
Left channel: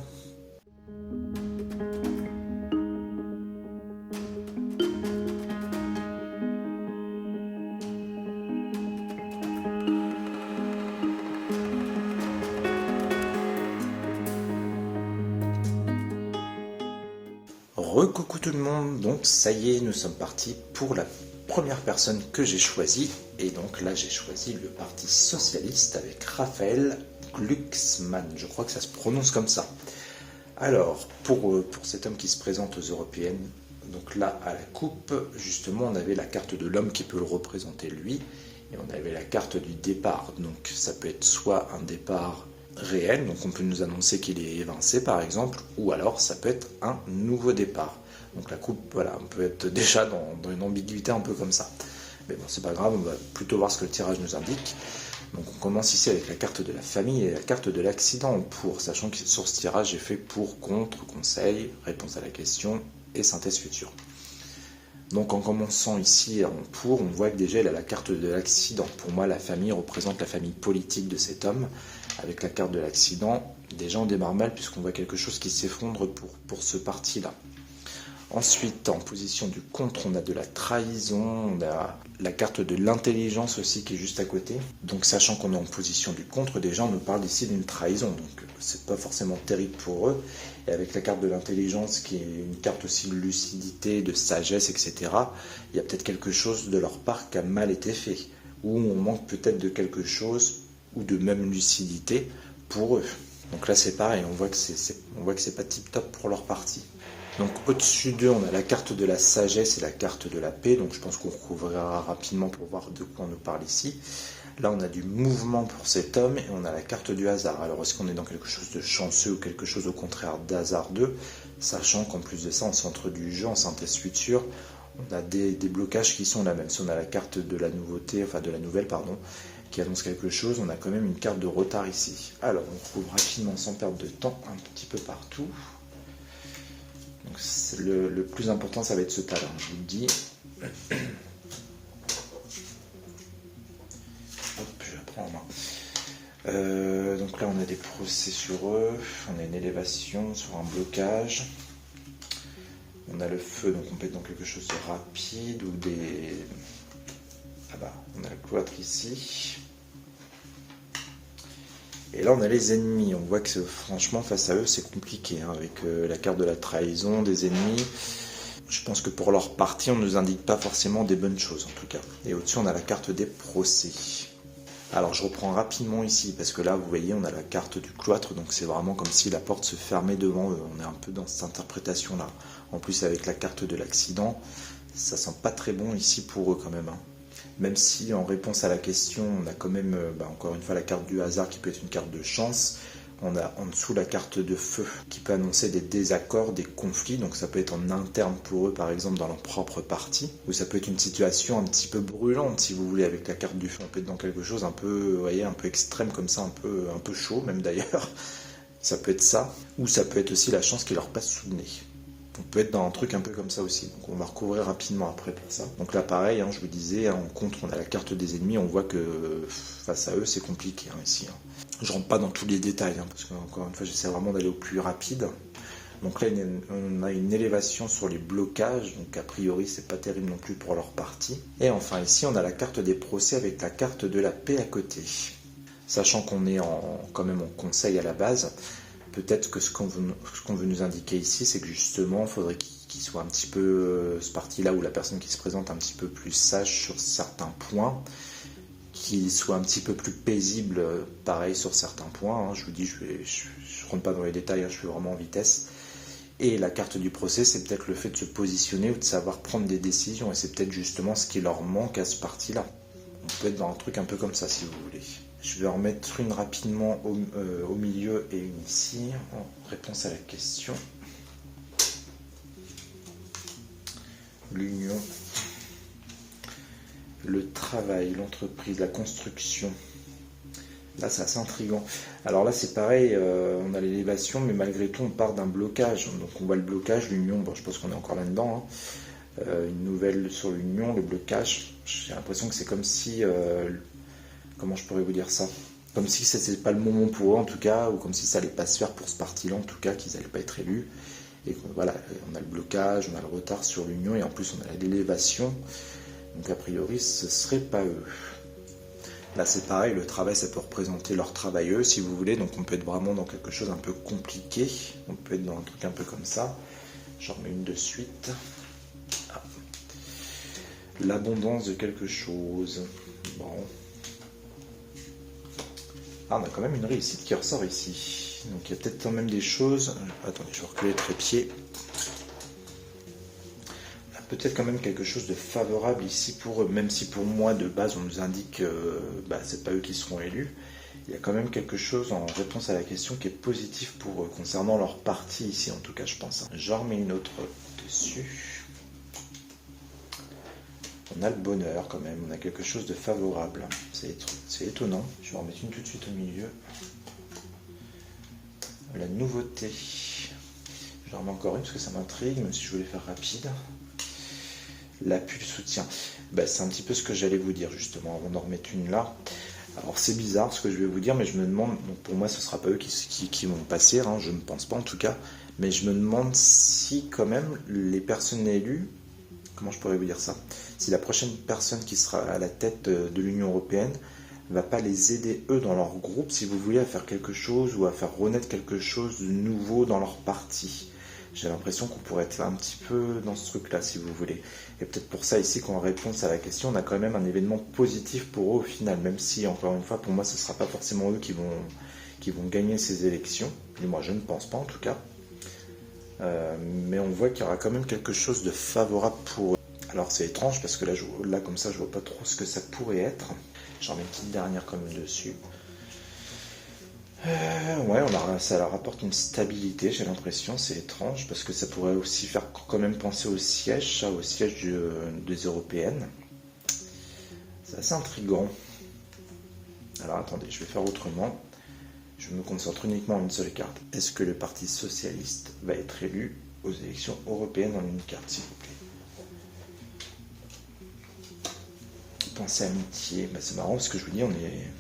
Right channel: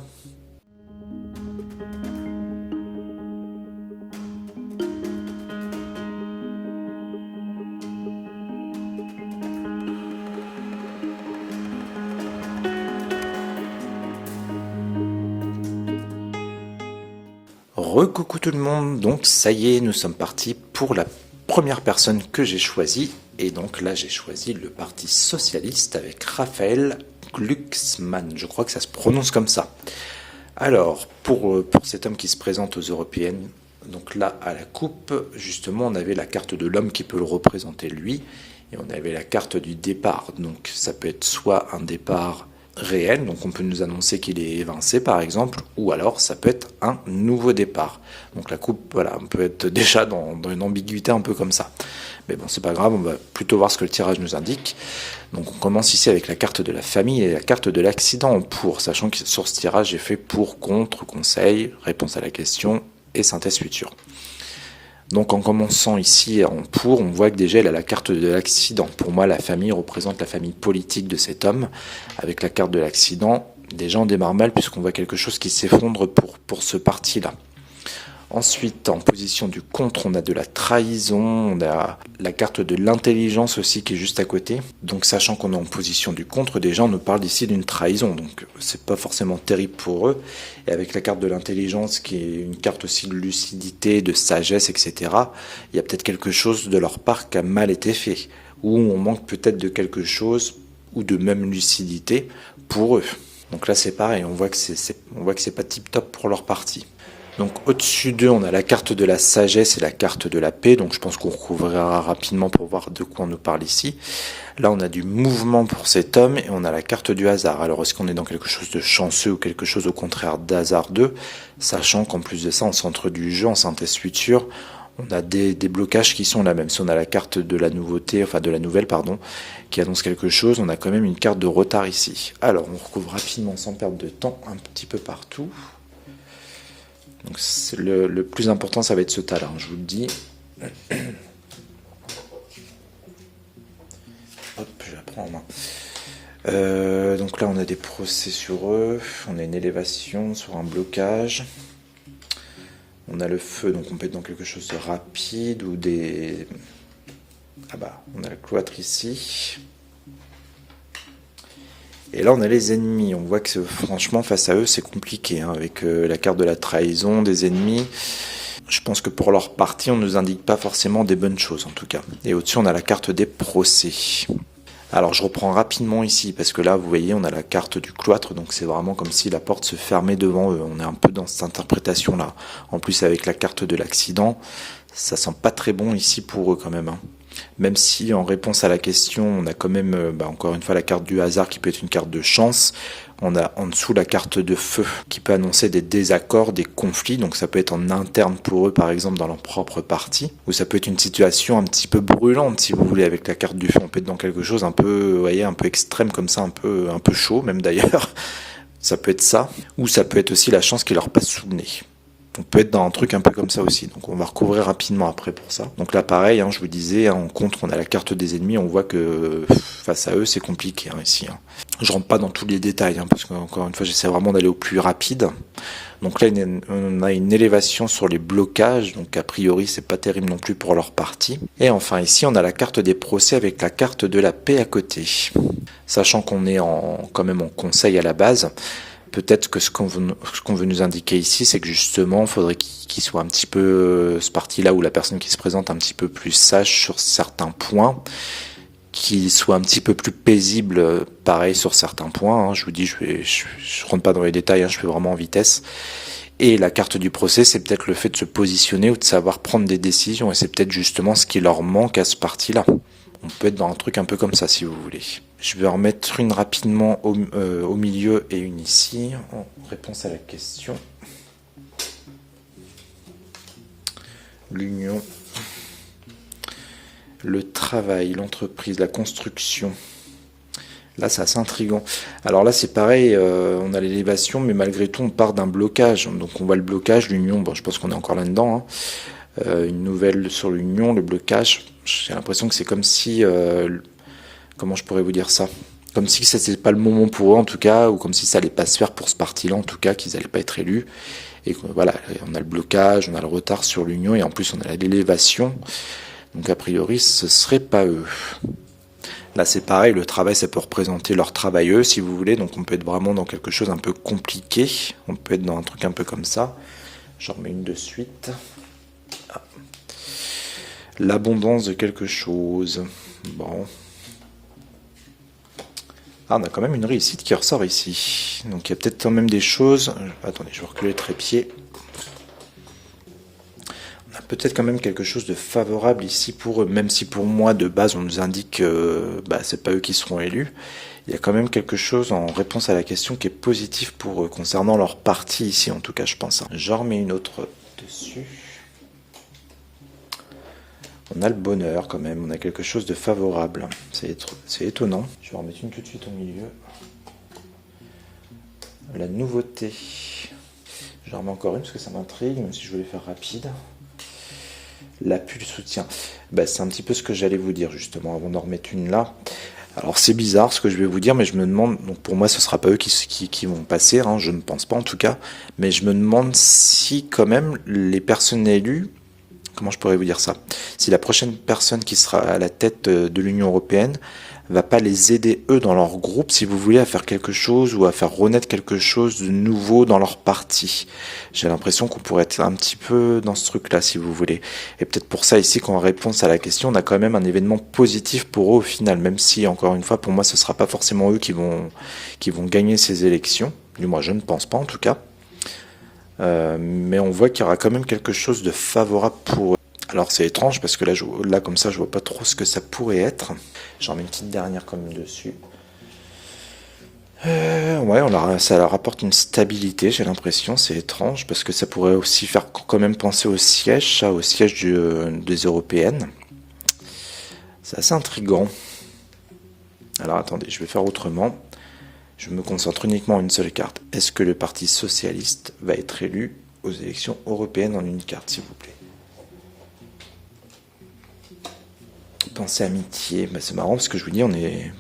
Recoucou tout le monde, donc ça y est, nous sommes partis pour la première personne que j'ai choisie. Et donc là j'ai choisi le Parti Socialiste avec Raphaël Glucksmann, je crois que ça se prononce comme ça. Alors, pour cet homme qui se présente aux européennes, donc là à la coupe, justement on avait la carte de l'homme qui peut le représenter lui, et on avait la carte du départ, donc ça peut être soit un départ réel, donc on peut nous annoncer qu'il est évincé par exemple, ou alors ça peut être un nouveau départ. Donc la coupe, voilà, on peut être déjà dans une ambiguïté un peu comme ça. Mais bon, c'est pas grave, on va plutôt voir ce que le tirage nous indique. Donc on commence ici avec la carte de la famille et la carte de l'accident en pour, sachant que sur ce tirage, j'ai fait pour, contre, conseil, réponse à la question et synthèse future. Donc en commençant ici en pour, on voit que déjà elle a la carte de l'accident. Pour moi, la famille représente la famille politique de cet homme. Avec la carte de l'accident, déjà on démarre mal puisqu'on voit quelque chose qui s'effondre pour ce parti-là. Ensuite, en position du contre, on a de la trahison, on a la carte de l'intelligence aussi qui est juste à côté. Donc sachant qu'on est en position du contre, déjà on nous parle ici d'une trahison, donc c'est pas forcément terrible pour eux. Et avec la carte de l'intelligence qui est une carte aussi de lucidité, de sagesse, etc., il y a peut-être quelque chose de leur part qui a mal été fait, ou on manque peut-être de quelque chose, ou de même lucidité pour eux. Donc là c'est pareil, on voit que c'est pas tip top pour leur partie. Donc au-dessus d'eux, on a la carte de la sagesse et la carte de la paix. Donc je pense qu'on recouvrira rapidement pour voir de quoi on nous parle ici. Là, on a du mouvement pour cet homme et on a la carte du hasard. Alors est-ce qu'on est dans quelque chose de chanceux ou quelque chose au contraire d'hasardeux, sachant qu'en plus de ça, en centre du jeu, en synthèse future, on a des blocages qui sont là. Même si on a la carte de la nouveauté, enfin de la nouvelle, pardon, qui annonce quelque chose, on a quand même une carte de retard ici. Alors on recouvre rapidement sans perdre de temps un petit peu partout. Donc le plus important, ça va être ce tas-là, je vous le dis. Hop, je la prends en main. Donc là, on a des procès sur eux. On a une élévation sur un blocage. On a le feu, donc on peut être dans quelque chose de rapide ou des... Ah bah, on a le cloître ici. Et là, on a les ennemis. On voit que franchement, face à eux, c'est compliqué. Hein, avec la carte de la trahison, des ennemis. Je pense que pour leur partie, on ne nous indique pas forcément des bonnes choses, en tout cas. Et au-dessus, on a la carte des procès. Alors, je reprends rapidement ici, parce que là, vous voyez, on a la carte du cloître. Donc, c'est vraiment comme si la porte se fermait devant eux. On est un peu dans cette interprétation-là. En plus, avec la carte de l'accident, ça sent pas très bon ici pour eux, quand même. Hein. Même si en réponse à la question, on a quand même, encore une fois, la carte du hasard qui peut être une carte de chance. On a en dessous la carte de feu qui peut annoncer des désaccords, des conflits. Donc ça peut être en interne pour eux, par exemple, dans leur propre parti. Ou ça peut être une situation un petit peu brûlante, si vous voulez, avec la carte du feu. On peut être dans quelque chose un peu, vous voyez, un peu extrême comme ça, un peu chaud même d'ailleurs. Ça peut être ça. Ou ça peut être aussi la chance qui leur passe sous le nez. On peut être dans un truc un peu comme ça aussi. Donc on va recouvrir rapidement après pour ça. Donc là pareil, je vous disais, en contre on a la carte des ennemis. On voit que face à eux c'est compliqué ici. Je rentre pas dans tous les détails parce qu'encore une fois j'essaie vraiment d'aller au plus rapide. Donc là on a une élévation sur les blocages. Donc a priori c'est pas terrible non plus pour leur partie. Et enfin ici on a la carte des procès avec la carte de la paix à côté. Sachant qu'on est quand même en conseil à la base. Peut-être que ce qu'on veut nous indiquer ici, c'est que justement, il faudrait qu'il soit un petit peu, ce parti-là, où la personne qui se présente un petit peu plus sage sur certains points, qu'il soit un petit peu plus paisible, pareil, sur certains points. Je vous dis, je rentre pas dans les détails, je fais vraiment en vitesse. Et la carte du procès, c'est peut-être le fait de se positionner ou de savoir prendre des décisions. Et c'est peut-être justement ce qui leur manque à ce parti-là. On peut être dans un truc un peu comme ça, si vous voulez. Je vais en remettre une rapidement au milieu et une ici, en réponse à la question. L'union, le travail, l'entreprise, la construction. Là, c'est assez intriguant. Alors là, c'est pareil, on a l'élévation, mais malgré tout, on part d'un blocage. Donc on voit le blocage, l'union, je pense qu'on est encore là-dedans. Une nouvelle sur l'union, le blocage. J'ai l'impression que c'est comme si... comment je pourrais vous dire ça? Comme si c'était pas le moment pour eux en tout cas, ou comme si ça allait pas se faire pour ce parti-là en tout cas, qu'ils allaient pas être élus. Et voilà, on a le blocage, on a le retard sur l'union, et en plus on a l'élévation. Donc a priori, ce serait pas eux. Là c'est pareil, le travail ça peut représenter leur travail eux si vous voulez, donc on peut être vraiment dans quelque chose un peu compliqué, on peut être dans un truc un peu comme ça. J'en remets une de suite. Ah. L'abondance de quelque chose. Bon. Ah, on a quand même une réussite qui ressort ici. Donc il y a peut-être quand même des choses... Attendez, je vais reculer le trépied. On a peut-être quand même quelque chose de favorable ici pour eux. Même si pour moi, de base, on nous indique que c'est pas eux qui seront élus. Il y a quand même quelque chose en réponse à la question qui est positif pour eux, concernant leur parti ici, en tout cas, je pense. J'en remets une autre dessus. On a le bonheur quand même, on a quelque chose de favorable. C'est étonnant. Je vais en mettre une tout de suite au milieu. La nouveauté. J'en remets encore une parce que ça m'intrigue, même si je voulais faire rapide. L'appui, le soutien. C'est un petit peu ce que j'allais vous dire justement avant d'en remettre une là. Alors c'est bizarre ce que je vais vous dire, mais je me demande, donc pour moi ce sera pas eux qui vont passer, hein, je ne pense pas en tout cas, mais je me demande si quand même les personnes élues, comment je pourrais vous dire ça, si la prochaine personne qui sera à la tête de l'Union Européenne va pas les aider eux dans leur groupe, si vous voulez, à faire quelque chose ou à faire renaître quelque chose de nouveau dans leur parti. J'ai l'impression qu'on pourrait être un petit peu dans ce truc-là, si vous voulez. Et peut-être pour ça, ici, qu'en réponse à la question, on a quand même un événement positif pour eux au final, même si, encore une fois, pour moi, ce ne sera pas forcément eux qui vont gagner ces élections. Du moins, je ne pense pas, en tout cas. Mais on voit qu'il y aura quand même quelque chose de favorable pour eux. Alors c'est étrange parce que là comme ça je vois pas trop ce que ça pourrait être. J'en mets une petite dernière quand même dessus. Ouais, ça leur apporte une stabilité, j'ai l'impression, c'est étrange parce que ça pourrait aussi faire quand même penser au siège, des européennes. C'est assez intriguant. Alors attendez, je vais faire autrement. Je me concentre uniquement en une seule carte. Est-ce que le Parti Socialiste va être élu aux élections européennes en une carte, s'il vous plaît? Pensée amitié, c'est marrant parce que je vous dis,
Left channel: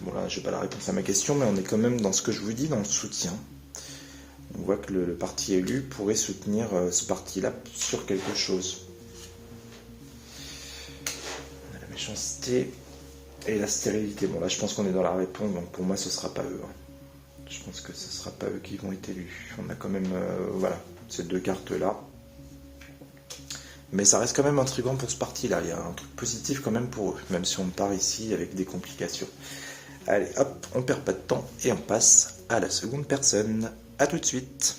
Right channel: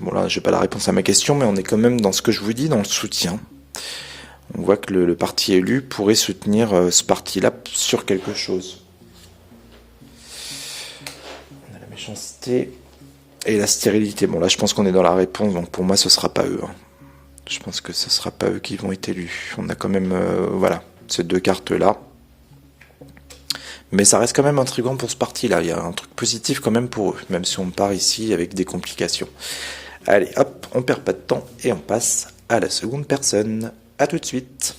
bon là, j'ai pas la réponse à ma question, mais on est quand même dans ce que je vous dis, dans le soutien. On voit que le parti élu pourrait soutenir ce parti-là sur quelque chose. On a la méchanceté et la stérilité. Bon là, je pense qu'on est dans la réponse, donc pour moi, ce sera pas eux. Hein. Je pense que ce sera pas eux qui vont être élus. On a quand même, voilà, ces deux cartes-là. Mais ça reste quand même intriguant pour ce parti-là. Il y a un truc positif quand même pour eux, même si on part ici avec des complications. Allez, hop, on perd pas de temps et on passe à la seconde personne. À tout de suite.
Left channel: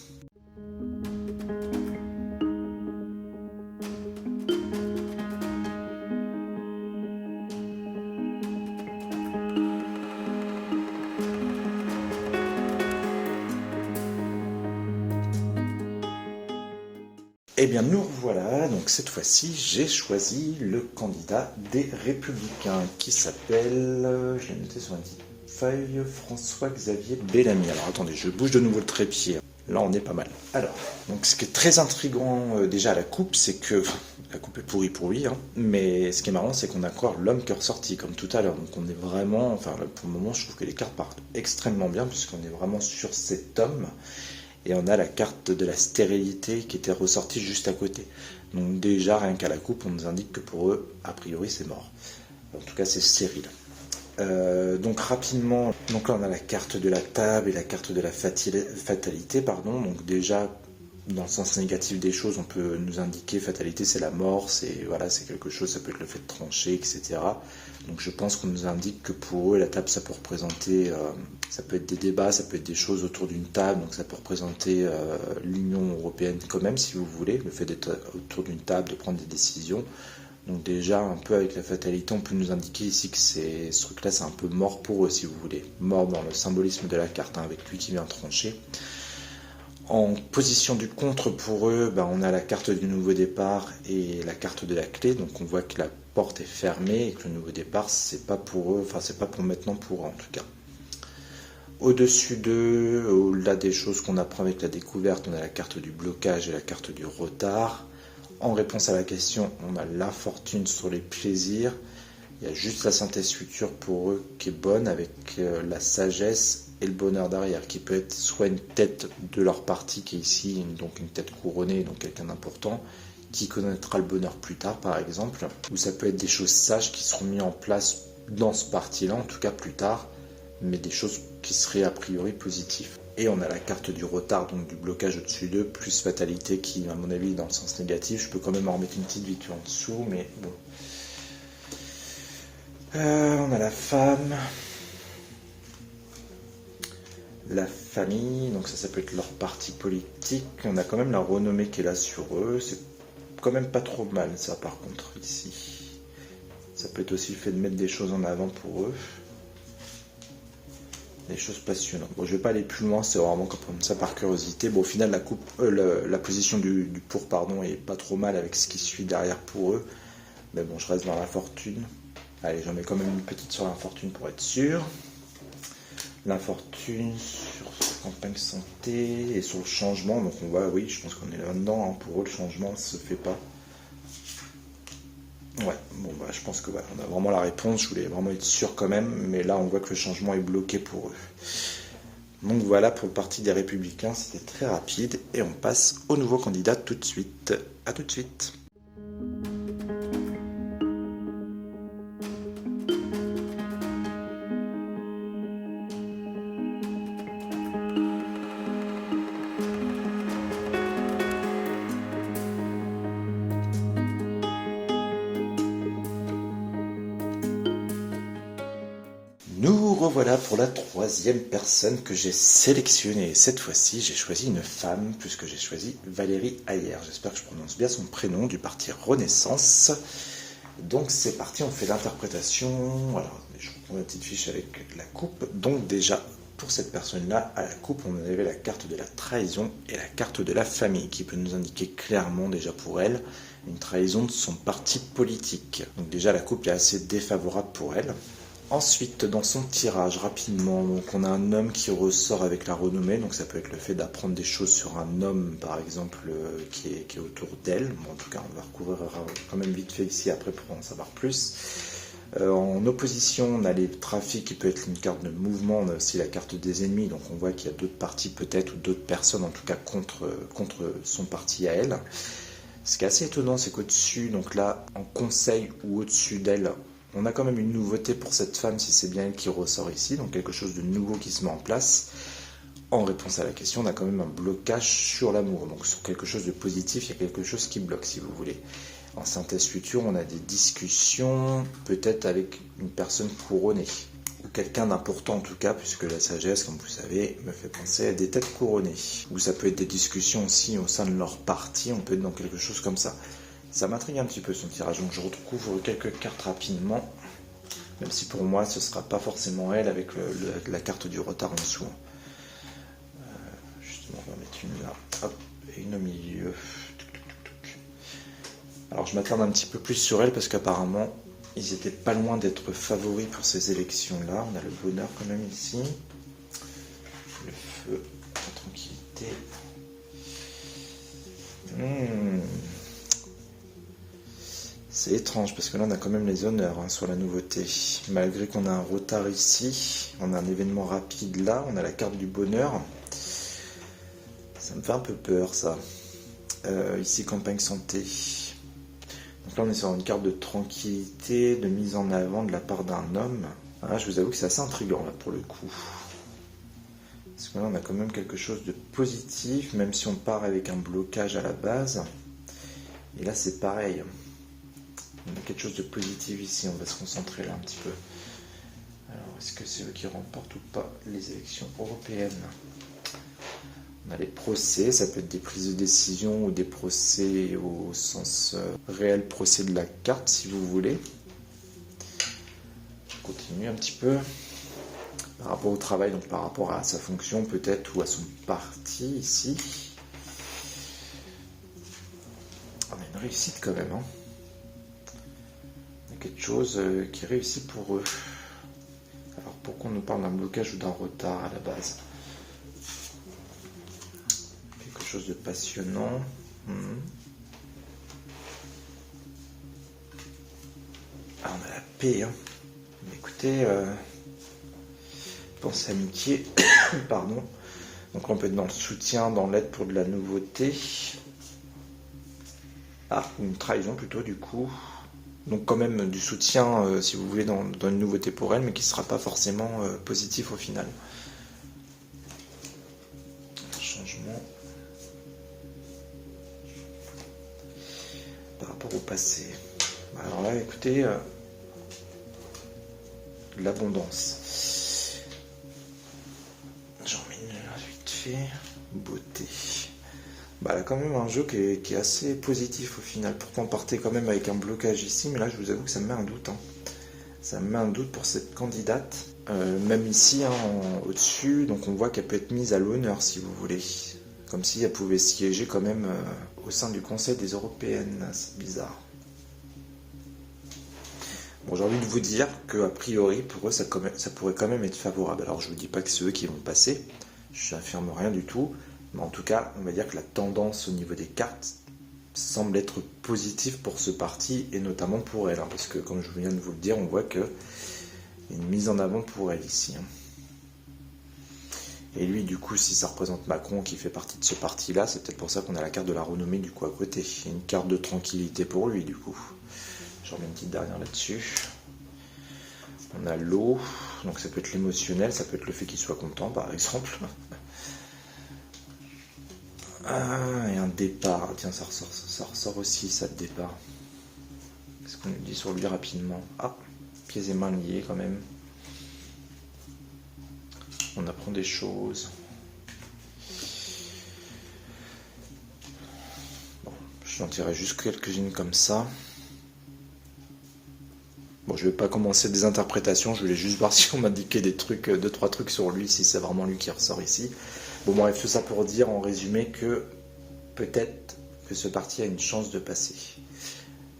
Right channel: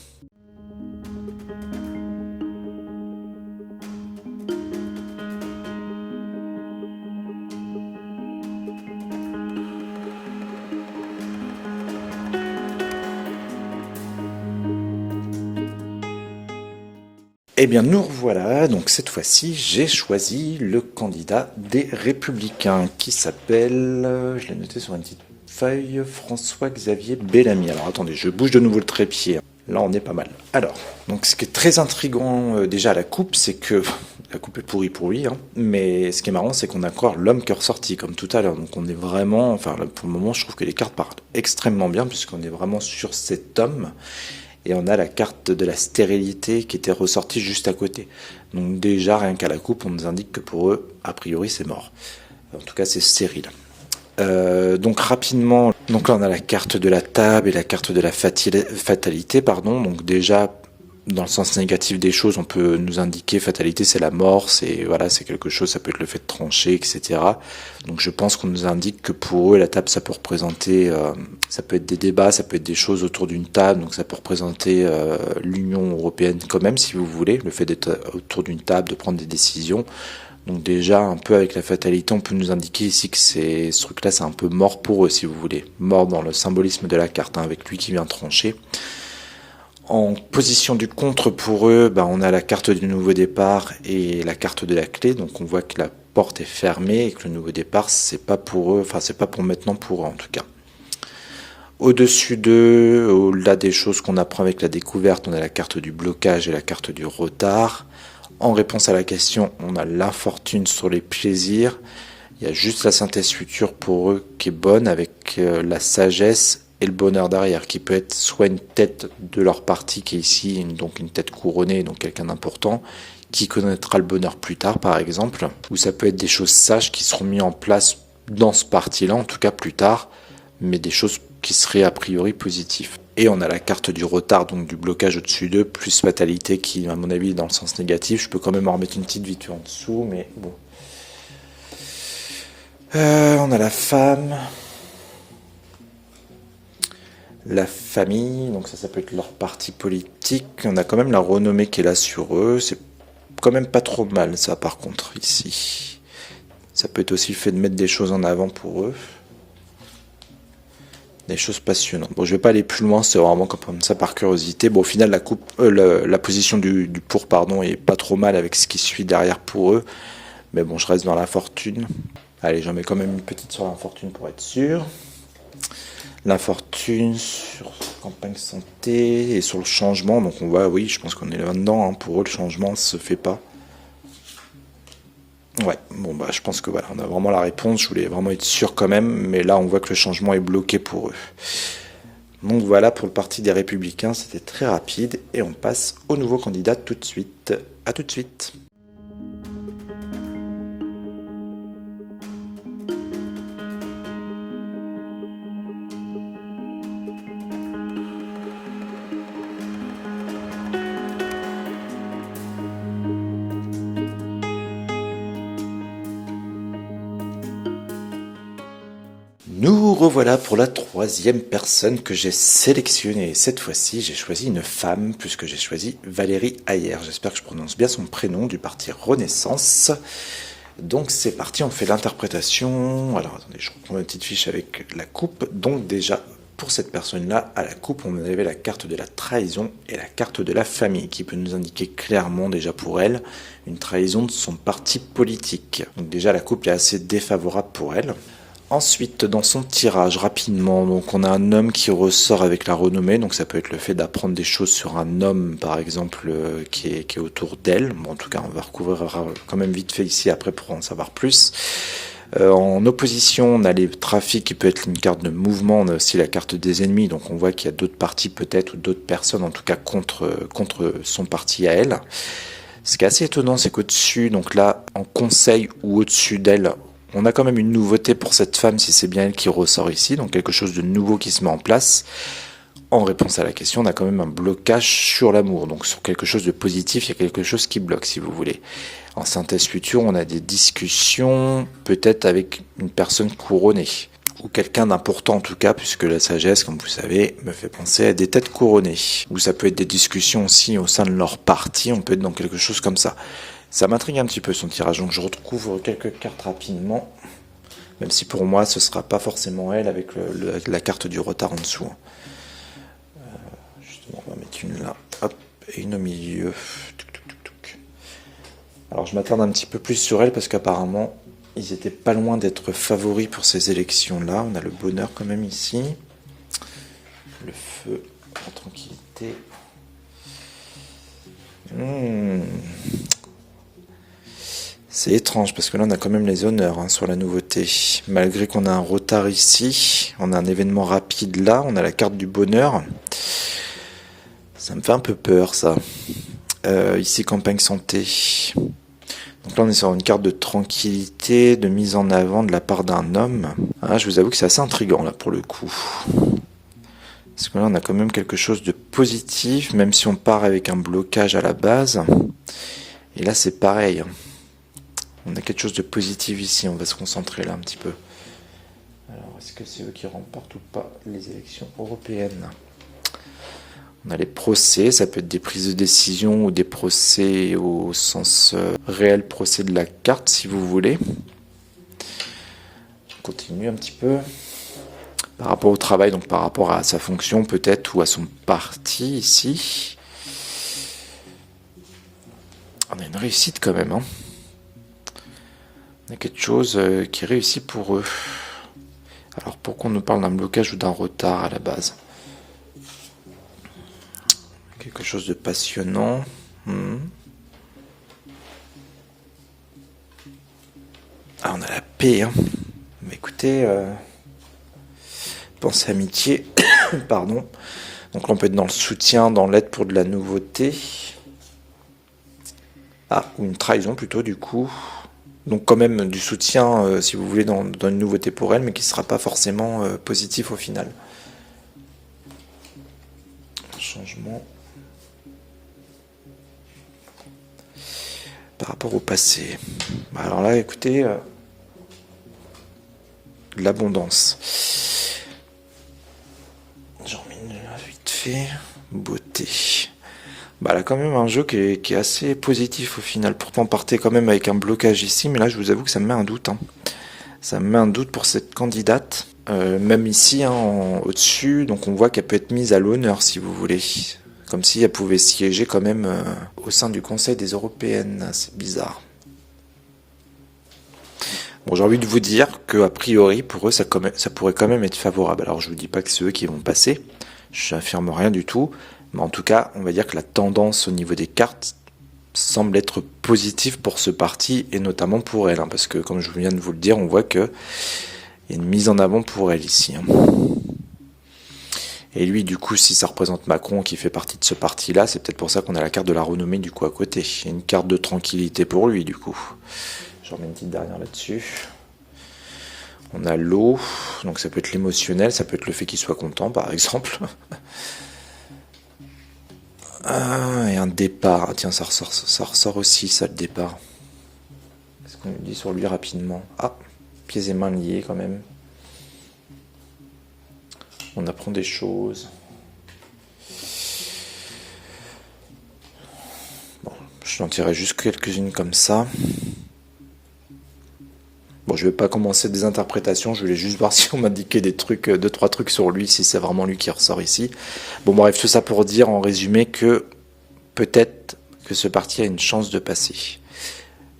Eh bien, nous revoilà. Donc, cette fois-ci, j'ai choisi le candidat des Républicains qui s'appelle, je l'ai noté sur une petite feuille, François-Xavier Bellamy. Alors, attendez, je bouge de nouveau le trépied. Là, on est pas mal. Alors, donc, ce qui est très intriguant déjà à la coupe, c'est que la coupe est pourrie pour lui, hein, mais ce qui est marrant, c'est qu'on a encore l'homme qui est ressorti, comme tout à l'heure. Donc, on est vraiment, enfin, là, pour le moment, je trouve que les cartes partent extrêmement bien, puisqu'on est vraiment sur cet homme. Et on a la carte de la stérilité qui était ressortie juste à côté. Donc déjà, rien qu'à la coupe, on nous indique que pour eux, a priori, c'est mort. En tout cas, c'est stérile. Donc rapidement, donc là on a la carte de la table et la carte de la fatalité, pardon. Donc déjà, dans le sens négatif des choses, on peut nous indiquer fatalité, c'est la mort, c'est voilà, c'est quelque chose, ça peut être le fait de trancher, etc. Donc je pense qu'on nous indique que pour eux, la table, ça peut représenter, ça peut être des débats, ça peut être des choses autour d'une table, donc ça peut représenter l'Union européenne quand même, si vous voulez, le fait d'être autour d'une table, de prendre des décisions. Donc déjà, un peu avec la fatalité, on peut nous indiquer ici que ce truc-là, c'est un peu mort pour eux, si vous voulez. Mort dans le symbolisme de la carte, hein, avec lui qui vient trancher. En position du contre pour eux, on a la carte du nouveau départ et la carte de la clé. Donc on voit que la porte est fermée et que le nouveau départ, c'est pas pour eux, enfin c'est pas pour maintenant pour eux en tout cas. Au-dessus d'eux, au-delà des choses qu'on apprend avec la découverte, on a la carte du blocage et la carte du retard. En réponse à la question, on a l'infortune sur les plaisirs. Il y a juste la synthèse future pour eux qui est bonne avec la sagesse et le bonheur derrière, qui peut être soit une tête de leur parti qui est ici, donc une tête couronnée, donc quelqu'un d'important, qui connaîtra le bonheur plus tard par exemple, ou ça peut être des choses sages qui seront mises en place dans ce parti-là, en tout cas plus tard, mais des choses qui seraient a priori positives. Et on a la carte du retard, donc du blocage au-dessus d'eux, plus fatalité qui, à mon avis, est dans le sens négatif. Je peux quand même en remettre une petite vite en dessous, mais bon. On a la femme. La famille, donc ça peut être leur parti politique. On a quand même la renommée qui est là sur eux. C'est quand même pas trop mal, ça, par contre, ici. Ça peut être aussi le fait de mettre des choses en avant pour eux. Des choses passionnantes. Bon, je vais pas aller plus loin, c'est vraiment comme ça par curiosité. Bon, au final, la position du pour, pardon, est pas trop mal avec ce qui suit derrière pour eux. Mais bon, je reste dans la fortune. Allez, j'en mets quand même une petite sur la fortune pour être sûr. La fortune sur campagne santé et sur le changement. Donc on voit, oui, je pense qu'on est là-dedans. Hein. Pour eux, le changement ne se fait pas. Ouais, bon bah je pense que voilà, on a vraiment la réponse. Je voulais vraiment être sûr quand même. Mais là, on voit que le changement est bloqué pour eux. Donc voilà pour le parti des Républicains. C'était très rapide. Et on passe au nouveau candidat tout de suite. À tout de suite. Nous revoilà pour la troisième personne que j'ai sélectionnée. Cette fois-ci, j'ai choisi une femme, puisque j'ai choisi Valérie Ayer. J'espère que je prononce bien son prénom, du parti Renaissance. Donc c'est parti, on fait l'interprétation. Alors attendez, je reprends ma petite fiche avec la coupe. Donc déjà, pour cette personne-là, à la coupe, on avait la carte de la trahison et la carte de la famille, qui peut nous indiquer clairement, déjà pour elle, une trahison de son parti politique. Donc déjà, la coupe est assez défavorable pour elle. Ensuite, dans son tirage, rapidement, donc on a un homme qui ressort avec la renommée, donc ça peut être le fait d'apprendre des choses sur un homme, par exemple, qui est autour d'elle. Bon, en tout cas, on va recouvrir quand même vite fait ici après pour en savoir plus. En opposition, on a les trafics qui peut être une carte de mouvement, on a aussi la carte des ennemis, donc on voit qu'il y a d'autres partis peut-être, ou d'autres personnes en tout cas contre son parti à elle. Ce qui est assez étonnant, c'est qu'au-dessus, donc là, en conseil ou au-dessus d'elle, on a quand même une nouveauté pour cette femme, si c'est bien elle qui ressort ici, donc quelque chose de nouveau qui se met en place. En réponse à la question, on a quand même un blocage sur l'amour, donc sur quelque chose de positif, il y a quelque chose qui bloque, si vous voulez. En synthèse future, on a des discussions, peut-être avec une personne couronnée, ou quelqu'un d'important en tout cas, puisque la sagesse, comme vous savez, me fait penser à des têtes couronnées. Ou ça peut être des discussions aussi au sein de leur parti, on peut être dans quelque chose comme ça. Ça m'intrigue un petit peu son tirage, donc je retrouve quelques cartes rapidement, même si pour moi ce sera pas forcément elle avec la carte du retard en dessous. Justement, on va mettre une là, hop, et une au milieu. Alors je m'attarde un petit peu plus sur elle parce qu'apparemment ils étaient pas loin d'être favoris pour ces élections-là. On a le bonheur quand même ici, le feu, la tranquillité. C'est étrange parce que là on a quand même les honneurs sur la nouveauté. Malgré qu'on a un retard ici, on a un événement rapide là, on a la carte du bonheur. Ça me fait un peu peur ça. Ici campagne santé. Donc là on est sur une carte de tranquillité, de mise en avant de la part d'un homme. Je vous avoue que c'est assez intriguant là pour le coup. Parce que là on a quand même quelque chose de positif, même si on part avec un blocage à la base. Et là c'est pareil. On a quelque chose de positif ici, on va se concentrer là un petit peu. Alors, est-ce que c'est eux qui remportent ou pas les élections européennes? On a les procès, ça peut être des prises de décision ou des procès au sens réel procès de la carte, si vous voulez. On continue un petit peu. Par rapport au travail, donc par rapport à sa fonction peut-être, ou à son parti ici. On a une réussite quand même, hein. Il y a quelque chose qui réussit pour eux. Alors pourquoi on nous parle d'un blocage ou d'un retard à la base? Quelque chose de passionnant. Ah, on a la paix. Hein. Mais écoutez, pensée amitié, pardon. Donc là, on peut être dans le soutien, dans l'aide pour de la nouveauté. Ou une trahison plutôt du coup. Donc quand même du soutien, si vous voulez, dans une nouveauté pour elle, mais qui ne sera pas forcément positif au final. Changement. Par rapport au passé. Alors là, écoutez, de l'abondance. J'en mets une vite fait. Beauté. Là, quand même un jeu qui est assez positif au final. Pourtant, on partait quand même avec un blocage ici, mais là, je vous avoue que ça me met un doute. Hein. Ça me met un doute pour cette candidate. Même ici, au-dessus, donc on voit qu'elle peut être mise à l'honneur, si vous voulez. Comme si elle pouvait siéger quand même au sein du Conseil des Européennes. C'est bizarre. Bon, j'ai envie de vous dire que a priori, pour eux, ça pourrait quand même être favorable. Alors, je vous dis pas que c'est eux qui vont passer, je n'affirme rien du tout, mais en tout cas, on va dire que la tendance au niveau des cartes semble être positive pour ce parti, et notamment pour elle, hein, parce que comme je viens de vous le dire, on voit que il y a une mise en avant pour elle ici. Hein. Et lui, du coup, si ça représente Macron qui fait partie de ce parti-là, c'est peut-être pour ça qu'on a la carte de la renommée du coup à côté. Il y a une carte de tranquillité pour lui, du coup. J'en mets une petite dernière là-dessus. On a l'eau, donc ça peut être l'émotionnel, ça peut être le fait qu'il soit content, par exemple. Et un départ. Ah, tiens, ça ressort aussi, ça, le départ. Ce qu'on dit sur lui rapidement. Ah, pieds et mains liés quand même. On apprend des choses. Bon, je n'en tirerai juste quelques-unes comme ça. Bon, je vais pas commencer des interprétations, je voulais juste voir si on m'indiquait des trucs, deux, trois trucs sur lui, si c'est vraiment lui qui ressort ici. Bon, bref, tout ça pour dire en résumé que peut-être que ce parti a une chance de passer.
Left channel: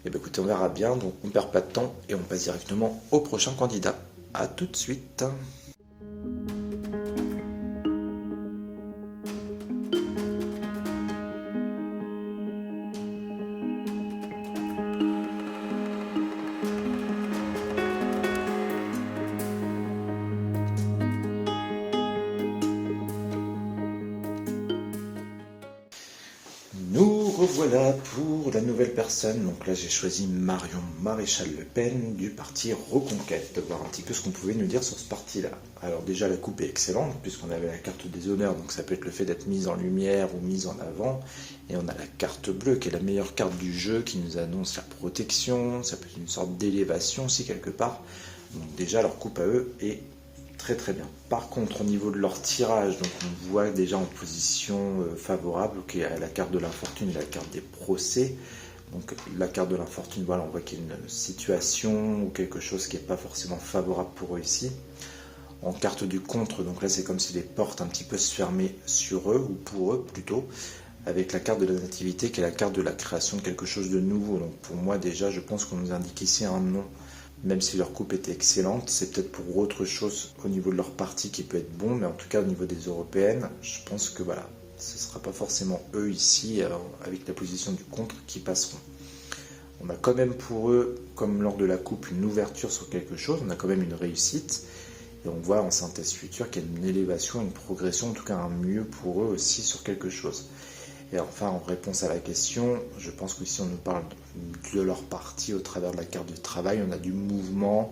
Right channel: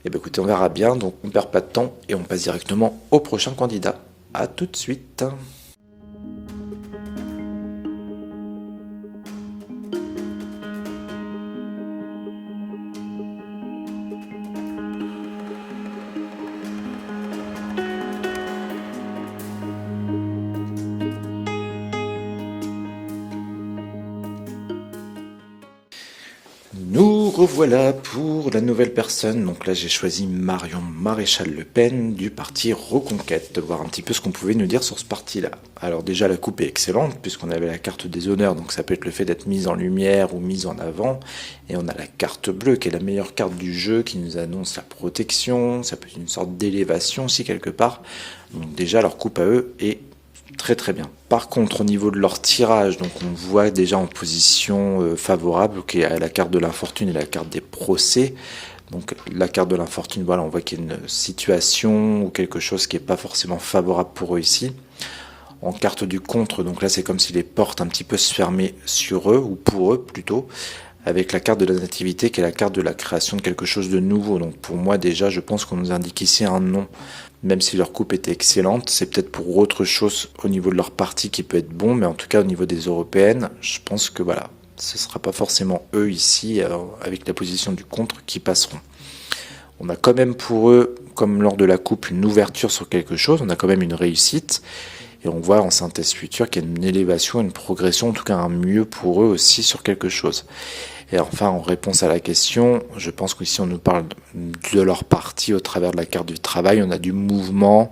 Et bien écoutez, on verra bien, donc on perd pas de temps et on passe directement au prochain candidat. A tout de suite. Nous revoilà pour la nouvelle personne. Donc là, j'ai choisi Marion Maréchal Le Pen du parti Reconquête, de voir un petit peu ce qu'on pouvait nous dire sur ce parti-là. Alors déjà, la coupe est excellente, puisqu'on avait la carte des honneurs, donc ça peut être le fait d'être mise en lumière ou mise en avant. Et on a la carte bleue, qui est la meilleure carte du jeu, qui nous annonce la protection, ça peut être une sorte d'élévation aussi quelque part. Donc déjà, leur coupe à eux est très très bien. Par contre, au niveau de leur tirage, donc on voit déjà en position favorable, qui est la carte de l'infortune et la carte des procès. Donc la carte de l'infortune, voilà, on voit qu'il y a une situation ou quelque chose qui n'est pas forcément favorable pour eux ici. En carte du contre, donc là c'est comme si les portes un petit peu se fermaient sur eux, ou pour eux plutôt, avec la carte de la nativité qui est la carte de la création de quelque chose de nouveau. Donc pour moi déjà, je pense qu'on nous indique ici un non. Même si leur coupe était excellente, c'est peut-être pour autre chose au niveau de leur parti qui peut être bon, mais en tout cas au niveau des européennes, je pense que voilà, ce ne sera pas forcément eux ici, avec la position du contre, qui passeront. On a quand même pour eux, comme lors de la coupe, une ouverture sur quelque chose, on a quand même une réussite, et on voit en synthèse future qu'il y a une élévation, une progression, en tout cas un mieux pour eux aussi sur quelque chose. Et enfin, en réponse à la question, je pense qu'ici on nous parle de leur parti au travers de la carte du travail. On a du mouvement.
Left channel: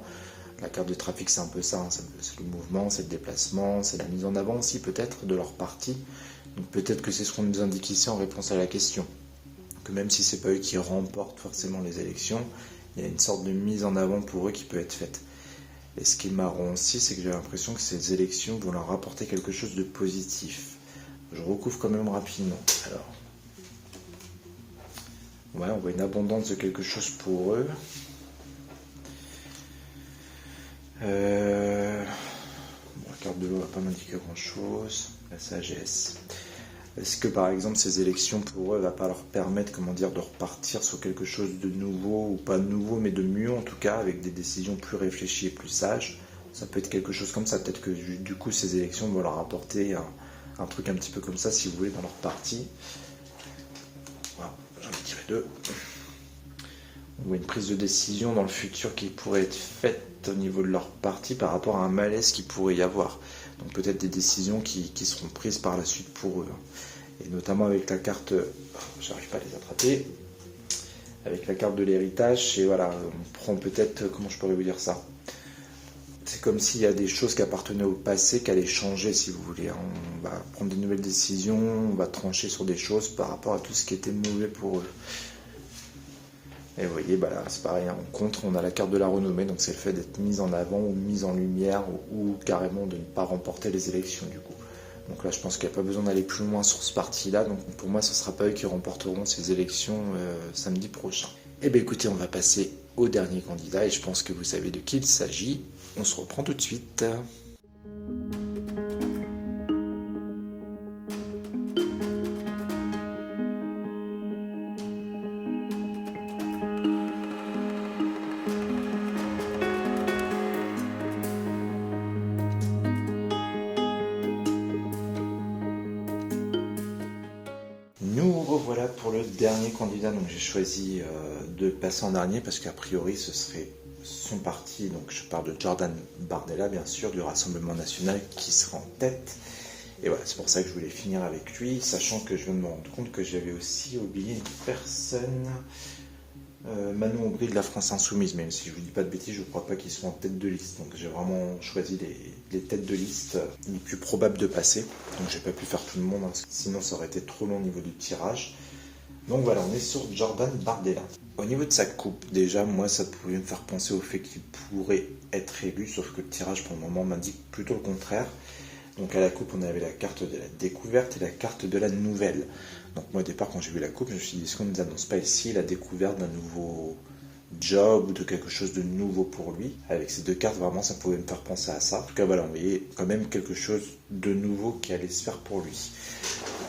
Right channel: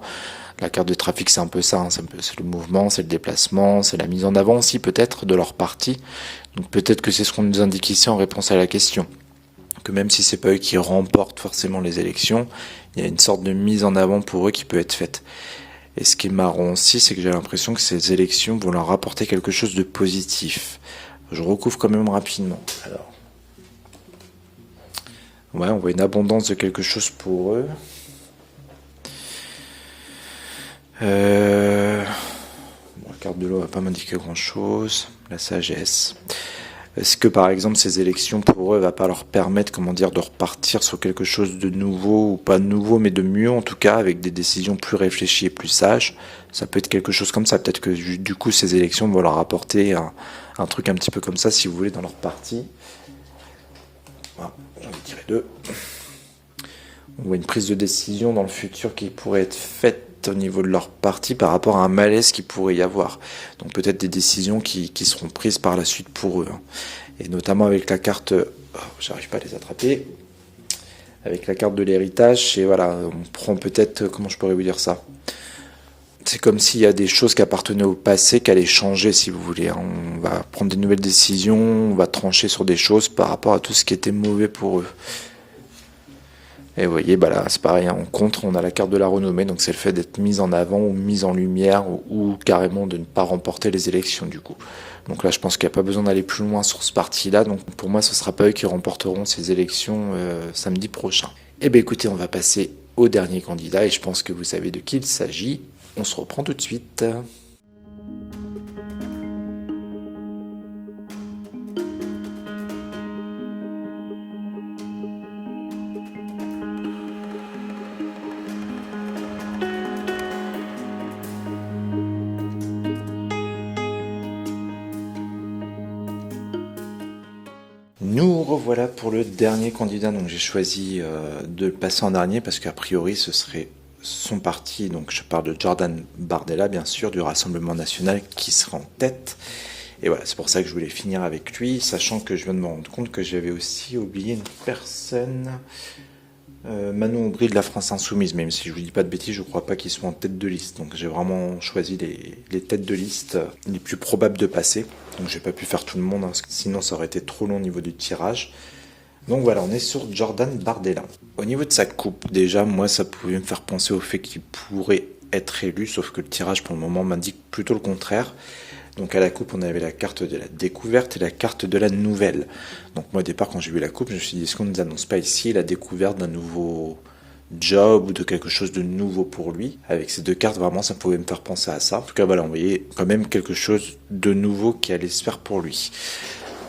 La carte de trafic, c'est un peu ça. Hein. C'est le mouvement, c'est le déplacement, c'est la mise en avant aussi peut-être de leur parti. Donc peut-être que c'est ce qu'on nous indique ici en réponse à la question. Que même si c'est pas eux qui remportent forcément les élections, il y a une sorte de mise en avant pour eux qui peut être faite. Et ce qui est marrant aussi, c'est que j'ai l'impression que ces élections vont leur apporter quelque chose de positif. Je recouvre quand même rapidement. Alors, ouais, on voit une abondance de quelque chose pour eux. Bon, la carte de l'eau va pas m'indiquer grand chose. La sagesse. Est-ce que par exemple ces élections pour eux va pas leur permettre, comment dire, de repartir sur quelque chose de nouveau, ou pas de nouveau, mais de mieux en tout cas, avec des décisions plus réfléchies et plus sages. Ça peut être quelque chose comme ça. Peut-être que du coup ces élections vont leur apporter un truc un petit peu comme ça, si vous voulez, dans leur parti. Voilà, j'en ai tiré deux. On voit une prise de décision dans le futur qui pourrait être faite au niveau de leur parti par rapport à un malaise qui pourrait y avoir. Donc peut-être des décisions qui seront prises par la suite pour eux. Et notamment avec la carte, j'arrive pas à les attraper, avec la carte de l'héritage, et voilà, on prend peut-être, comment je pourrais vous dire ça, c'est comme s'il y a des choses qui appartenaient au passé qui allaient changer, si vous voulez. On va prendre des nouvelles décisions, on va trancher sur des choses par rapport à tout ce qui était mauvais pour eux. Et vous voyez, bah là, c'est pareil, en contre, on a la carte de la renommée, donc c'est le fait d'être mise en avant ou mise en lumière, ou carrément de ne pas remporter les élections, du coup. Donc là, je pense qu'il n'y a pas besoin d'aller plus loin sur ce parti-là, donc pour moi, ce ne sera pas eux qui remporteront ces élections samedi prochain. Eh bien écoutez, on va passer au dernier candidat, et je pense que vous savez de qui il s'agit. On se reprend tout de suite. Nous revoilà pour le dernier candidat, donc j'ai choisi de le passer en dernier parce qu'a priori ce serait son parti, donc je parle de Jordan Bardella bien sûr, du Rassemblement National qui sera en tête. Et voilà, c'est pour ça que je voulais finir avec lui, sachant que je viens de me rendre compte que j'avais aussi oublié une personne, Manon Aubry de la France Insoumise, même si je vous dis pas de bêtises, je crois pas qu'ils soient en tête de liste. Donc j'ai vraiment choisi les têtes de liste les plus probables de passer. Donc j'ai pas pu faire tout le monde, hein, parce que sinon ça aurait été trop long au niveau du tirage. Donc voilà, on est sur Jordan Bardella. Au niveau de sa coupe, déjà, moi ça pouvait me faire penser au fait qu'il pourrait être élu, sauf que le tirage pour le moment m'indique plutôt le contraire. Donc à la coupe, on avait la carte de la découverte et la carte de la nouvelle. Donc moi au départ, quand j'ai vu la coupe, je me suis dit, est-ce qu'on ne nous annonce pas ici la découverte d'un nouveau job ou de quelque chose de nouveau pour lui? Avec ces deux cartes, vraiment, ça pouvait me faire penser à ça. En tout cas, voilà, on voyait quand même quelque chose de nouveau qui allait se faire pour lui.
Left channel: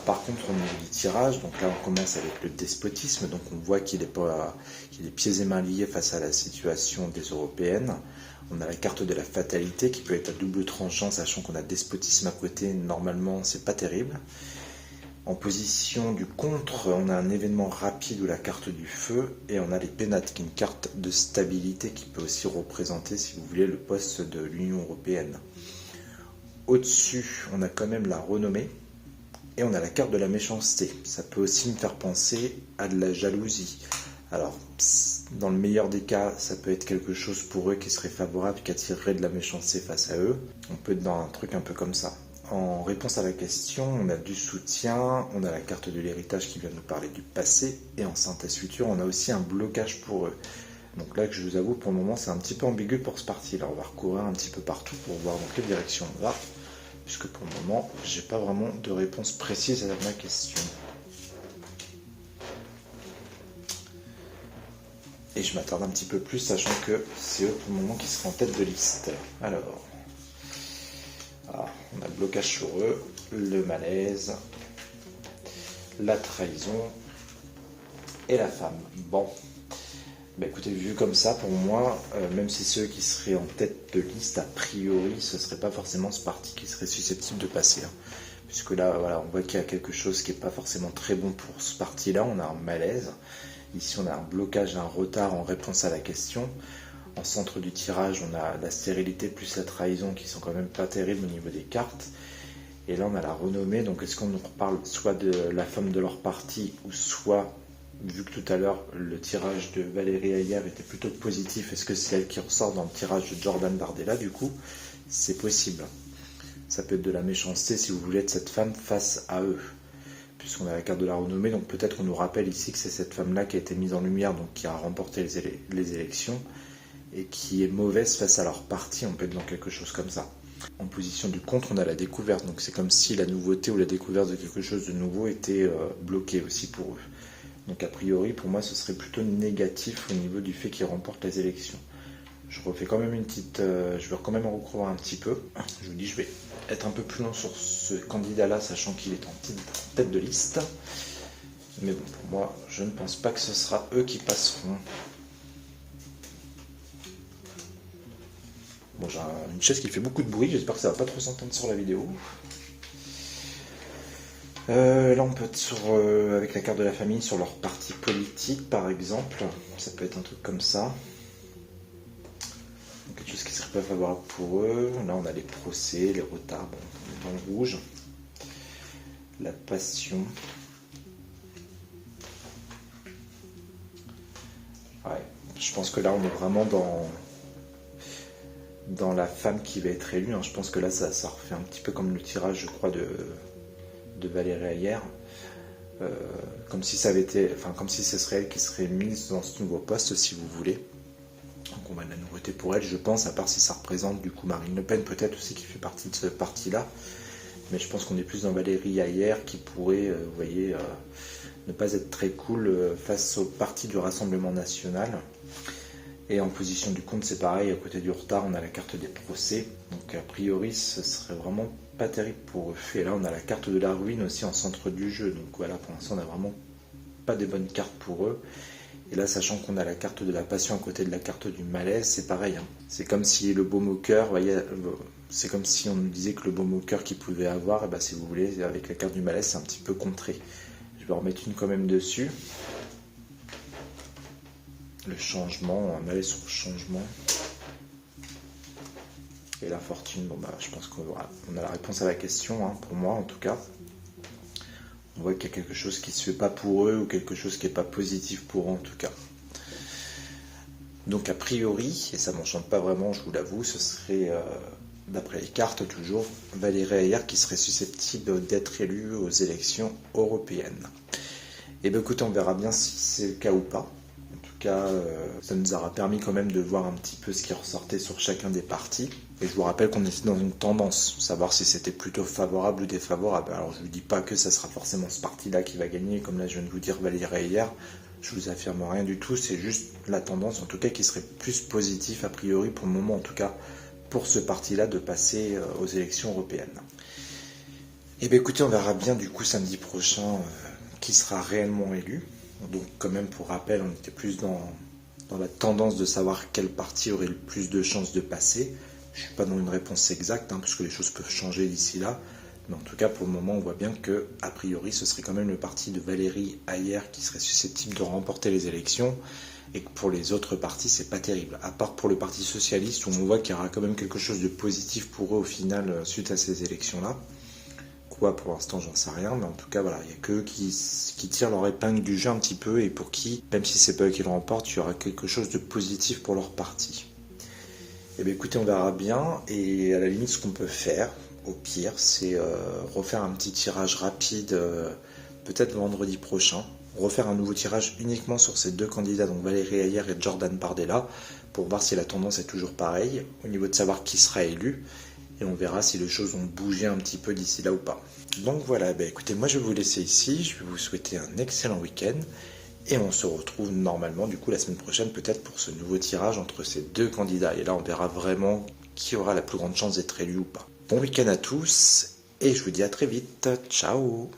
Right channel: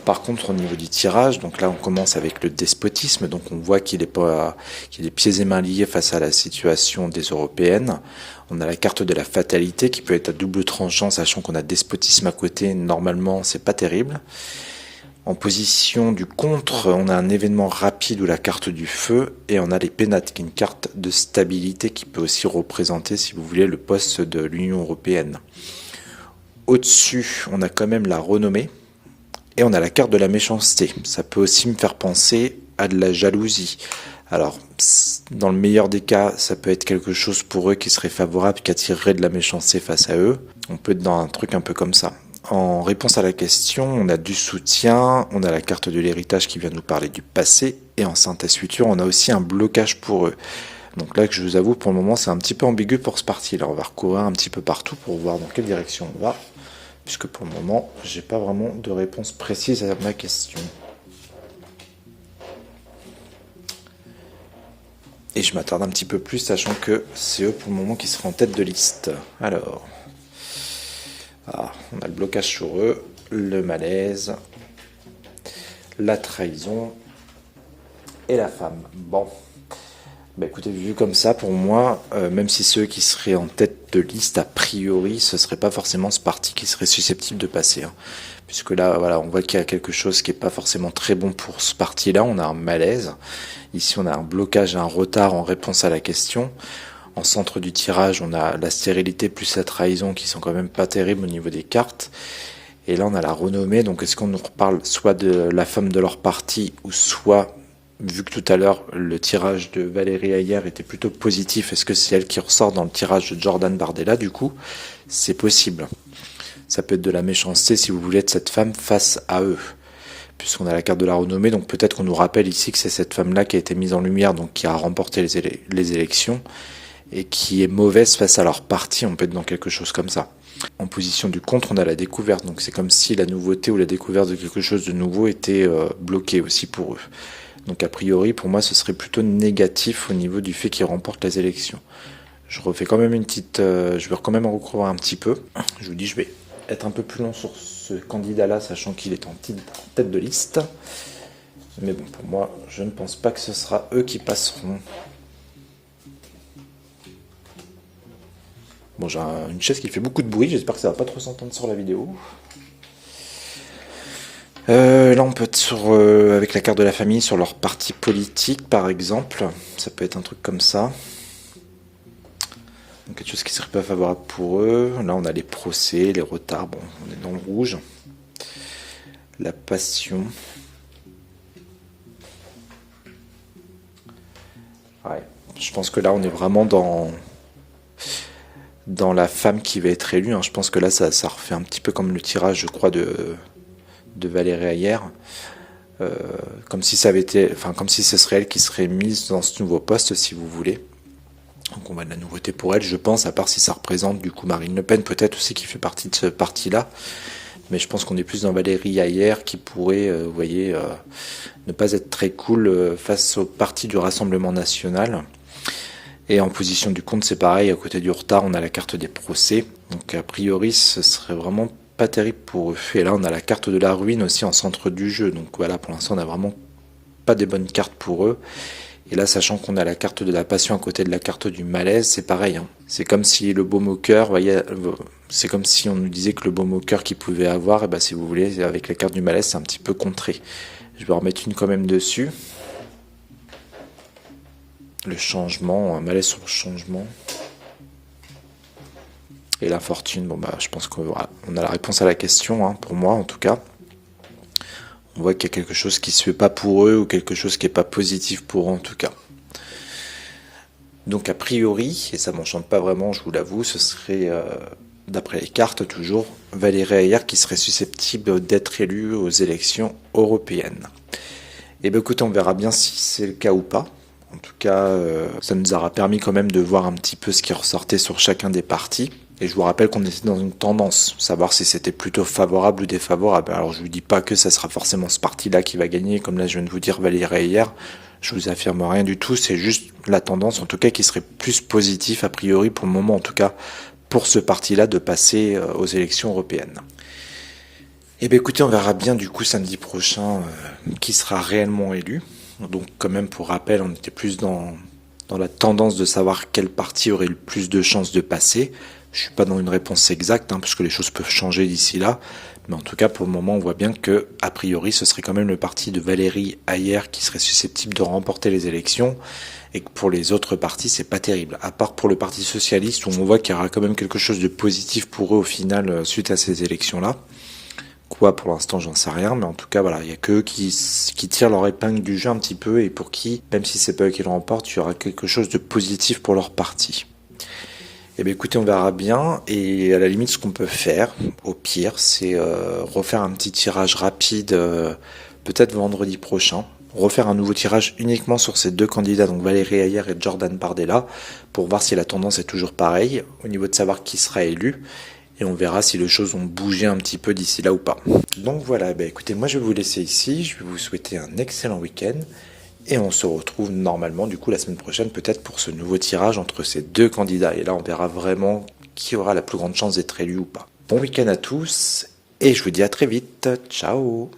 Par contre, au niveau du tirage, donc là on commence avec le despotisme, donc on voit qu'il est pieds et mains liés face à la situation des européennes. On a la carte de la fatalité qui peut être à double tranchant, sachant qu'on a despotisme à côté, normalement c'est pas terrible. En position du contre, on a un événement rapide ou la carte du feu, et on a les pénates, qui est une carte de stabilité qui peut aussi représenter, si vous voulez, le poste de l'Union européenne. Au-dessus, on a quand même la renommée. Et on a la carte de la méchanceté. Ça peut aussi me faire penser à de la jalousie. Alors, dans le meilleur des cas, ça peut être quelque chose pour eux qui serait favorable, qui attirerait de la méchanceté face à eux. On peut être dans un truc un peu comme ça. En réponse à la question, on a du soutien, on a la carte de l'héritage qui vient nous parler du passé, et en synthèse future, on a aussi un blocage pour eux. Donc là, que je vous avoue, pour le moment, c'est un petit peu ambigu pour ce parti-là. On va recourir un petit peu partout pour voir dans quelle direction on va. Puisque pour le moment, j'ai pas vraiment de réponse précise à ma question. Et je m'attarde un petit peu plus, sachant que c'est eux pour le moment qui seront en tête de liste. Alors, on a le blocage sur eux, le malaise, la trahison et la femme. Bon. Bah écoutez, vu comme ça, pour moi, même si ceux qui seraient en tête de liste, a priori, ce serait pas forcément ce parti qui serait susceptible de passer. Hein. Puisque là, voilà, on voit qu'il y a quelque chose qui est pas forcément très bon pour ce parti-là. On a un malaise. Ici, on a un blocage, un retard en réponse à la question. En centre du tirage, on a la stérilité plus la trahison qui sont quand même pas terribles au niveau des cartes. Et là, on a la renommée. Donc, est-ce qu'on nous reparle soit de la femme de leur parti ou soit... Vu que tout à l'heure, le tirage de Valérie Ayer était plutôt positif, est-ce que c'est elle qui ressort dans le tirage de Jordan Bardella? Du coup, c'est possible. Ça peut être de la méchanceté, si vous voulez, de cette femme face à eux. Puisqu'on a la carte de la renommée, donc peut-être qu'on nous rappelle ici que c'est cette femme-là qui a été mise en lumière, donc qui a remporté les élections, et qui est mauvaise face à leur parti, on peut être dans quelque chose comme ça. En position du contre, on a la découverte, donc c'est comme si la nouveauté ou la découverte de quelque chose de nouveau était bloquée aussi pour eux. Donc a priori, pour moi, ce serait plutôt négatif au niveau du fait qu'ils remportent les élections. Je refais quand même une petite... je vais quand même en recourir un petit peu. Je vous dis, je vais être un peu plus long sur ce candidat-là, sachant qu'il est en tête de liste. Mais bon, pour moi, je ne pense pas que ce sera eux qui passeront. Bon, j'ai une chaise qui fait beaucoup de bruit, j'espère que ça va pas trop s'entendre sur la vidéo. Là, on peut être avec la carte de la famille sur leur parti politique, par exemple. Ça peut être un truc comme ça. Donc, quelque chose qui serait pas favorable pour eux. Là, on a les procès, les retards. Bon, on est dans le rouge. La passion. Ouais, je pense que là, on est vraiment dans la femme qui va être élue. Hein. Je pense que là, ça refait un petit peu comme le tirage, je crois, de Valérie Ayer, comme si ça avait été, enfin comme si ce serait elle qui serait mise dans ce nouveau poste, si vous voulez. Donc on va de la nouveauté pour elle, je pense, à part si ça représente du coup Marine Le Pen peut-être aussi qui fait partie de ce parti-là. Mais je pense qu'on est plus dans Valérie Ayer qui pourrait, vous voyez, ne pas être très cool face au parti du Rassemblement National. Et en position du contre, c'est pareil, à côté du retard, on a la carte des procès. Donc a priori, ce serait vraiment pas terrible pour eux. Et là, on a la carte de la ruine aussi en centre du jeu. Donc voilà, pour l'instant, on n'a vraiment pas des bonnes cartes pour eux. Et là, sachant qu'on a la carte de la passion à côté de la carte du malaise, c'est pareil. Hein. C'est comme si le baume au cœur, voyez, c'est comme si on nous disait que le baume au cœur qu'il pouvait avoir, et ben, si vous voulez, avec la carte du malaise, c'est un petit peu contré. Je vais en remettre une quand même dessus. Le changement, un malaise sur le changement. Et la fortune, bon bah je pense qu'on a la réponse à la question, hein, pour moi en tout cas. On voit qu'il y a quelque chose qui se fait pas pour eux ou quelque chose qui est pas positif pour eux en tout cas. Donc a priori, et ça m'enchante pas vraiment, je vous l'avoue, ce serait, d'après les cartes toujours, Valérie Ayer qui serait susceptible d'être élue aux élections européennes. Et bien écoutez, on verra bien si c'est le cas ou pas. En tout cas, ça nous aura permis quand même de voir un petit peu ce qui ressortait sur chacun des partis. Et je vous rappelle qu'on était dans une tendance, savoir si c'était plutôt favorable ou défavorable. Alors je vous dis pas que ça sera forcément ce parti-là qui va gagner, comme là je viens de vous dire Valérie Ayer. Je vous affirme rien du tout, c'est juste la tendance en tout cas qui serait plus positif a priori pour le moment en tout cas pour ce parti-là de passer aux élections européennes. Et bien écoutez, on verra bien du coup samedi prochain qui sera réellement élu. Donc quand même pour rappel, on était plus dans la tendance de savoir quel parti aurait le plus de chances de passer. Je suis pas dans une réponse exacte, parce que les choses peuvent changer d'ici là. Mais en tout cas, pour le moment, on voit bien que, a priori, ce serait quand même le parti de Valérie Ayer qui serait susceptible de remporter les élections. Et que pour les autres partis, c'est pas terrible. À part pour le Parti Socialiste, où on voit qu'il y aura quand même quelque chose de positif pour eux au final, suite à ces élections-là. Quoi, pour l'instant, j'en sais rien, mais en tout cas, voilà, il n'y a qu'eux qui tirent leur épingle du jeu un petit peu, et pour qui, même si c'est pas eux qui le remportent, il y aura quelque chose de positif pour leur parti. Eh bien écoutez, on verra bien, et à la limite, ce qu'on peut faire, au pire, c'est refaire un petit tirage rapide, peut-être vendredi prochain, refaire un nouveau tirage uniquement sur ces deux candidats, donc Valérie Ayer et Jordan Bardella, pour voir si la tendance est toujours pareille, au niveau de savoir qui sera élu, et on verra si les choses ont bougé un petit peu d'ici là ou pas. Donc voilà, bah écoutez, moi je vais vous laisser ici, je vais vous souhaiter un excellent week-end, et on se retrouve normalement du coup la semaine prochaine peut-être pour ce nouveau tirage entre ces deux candidats, et là on verra vraiment qui aura la plus grande chance d'être élu ou pas. Bon week-end à tous, et je vous dis à très vite, ciao.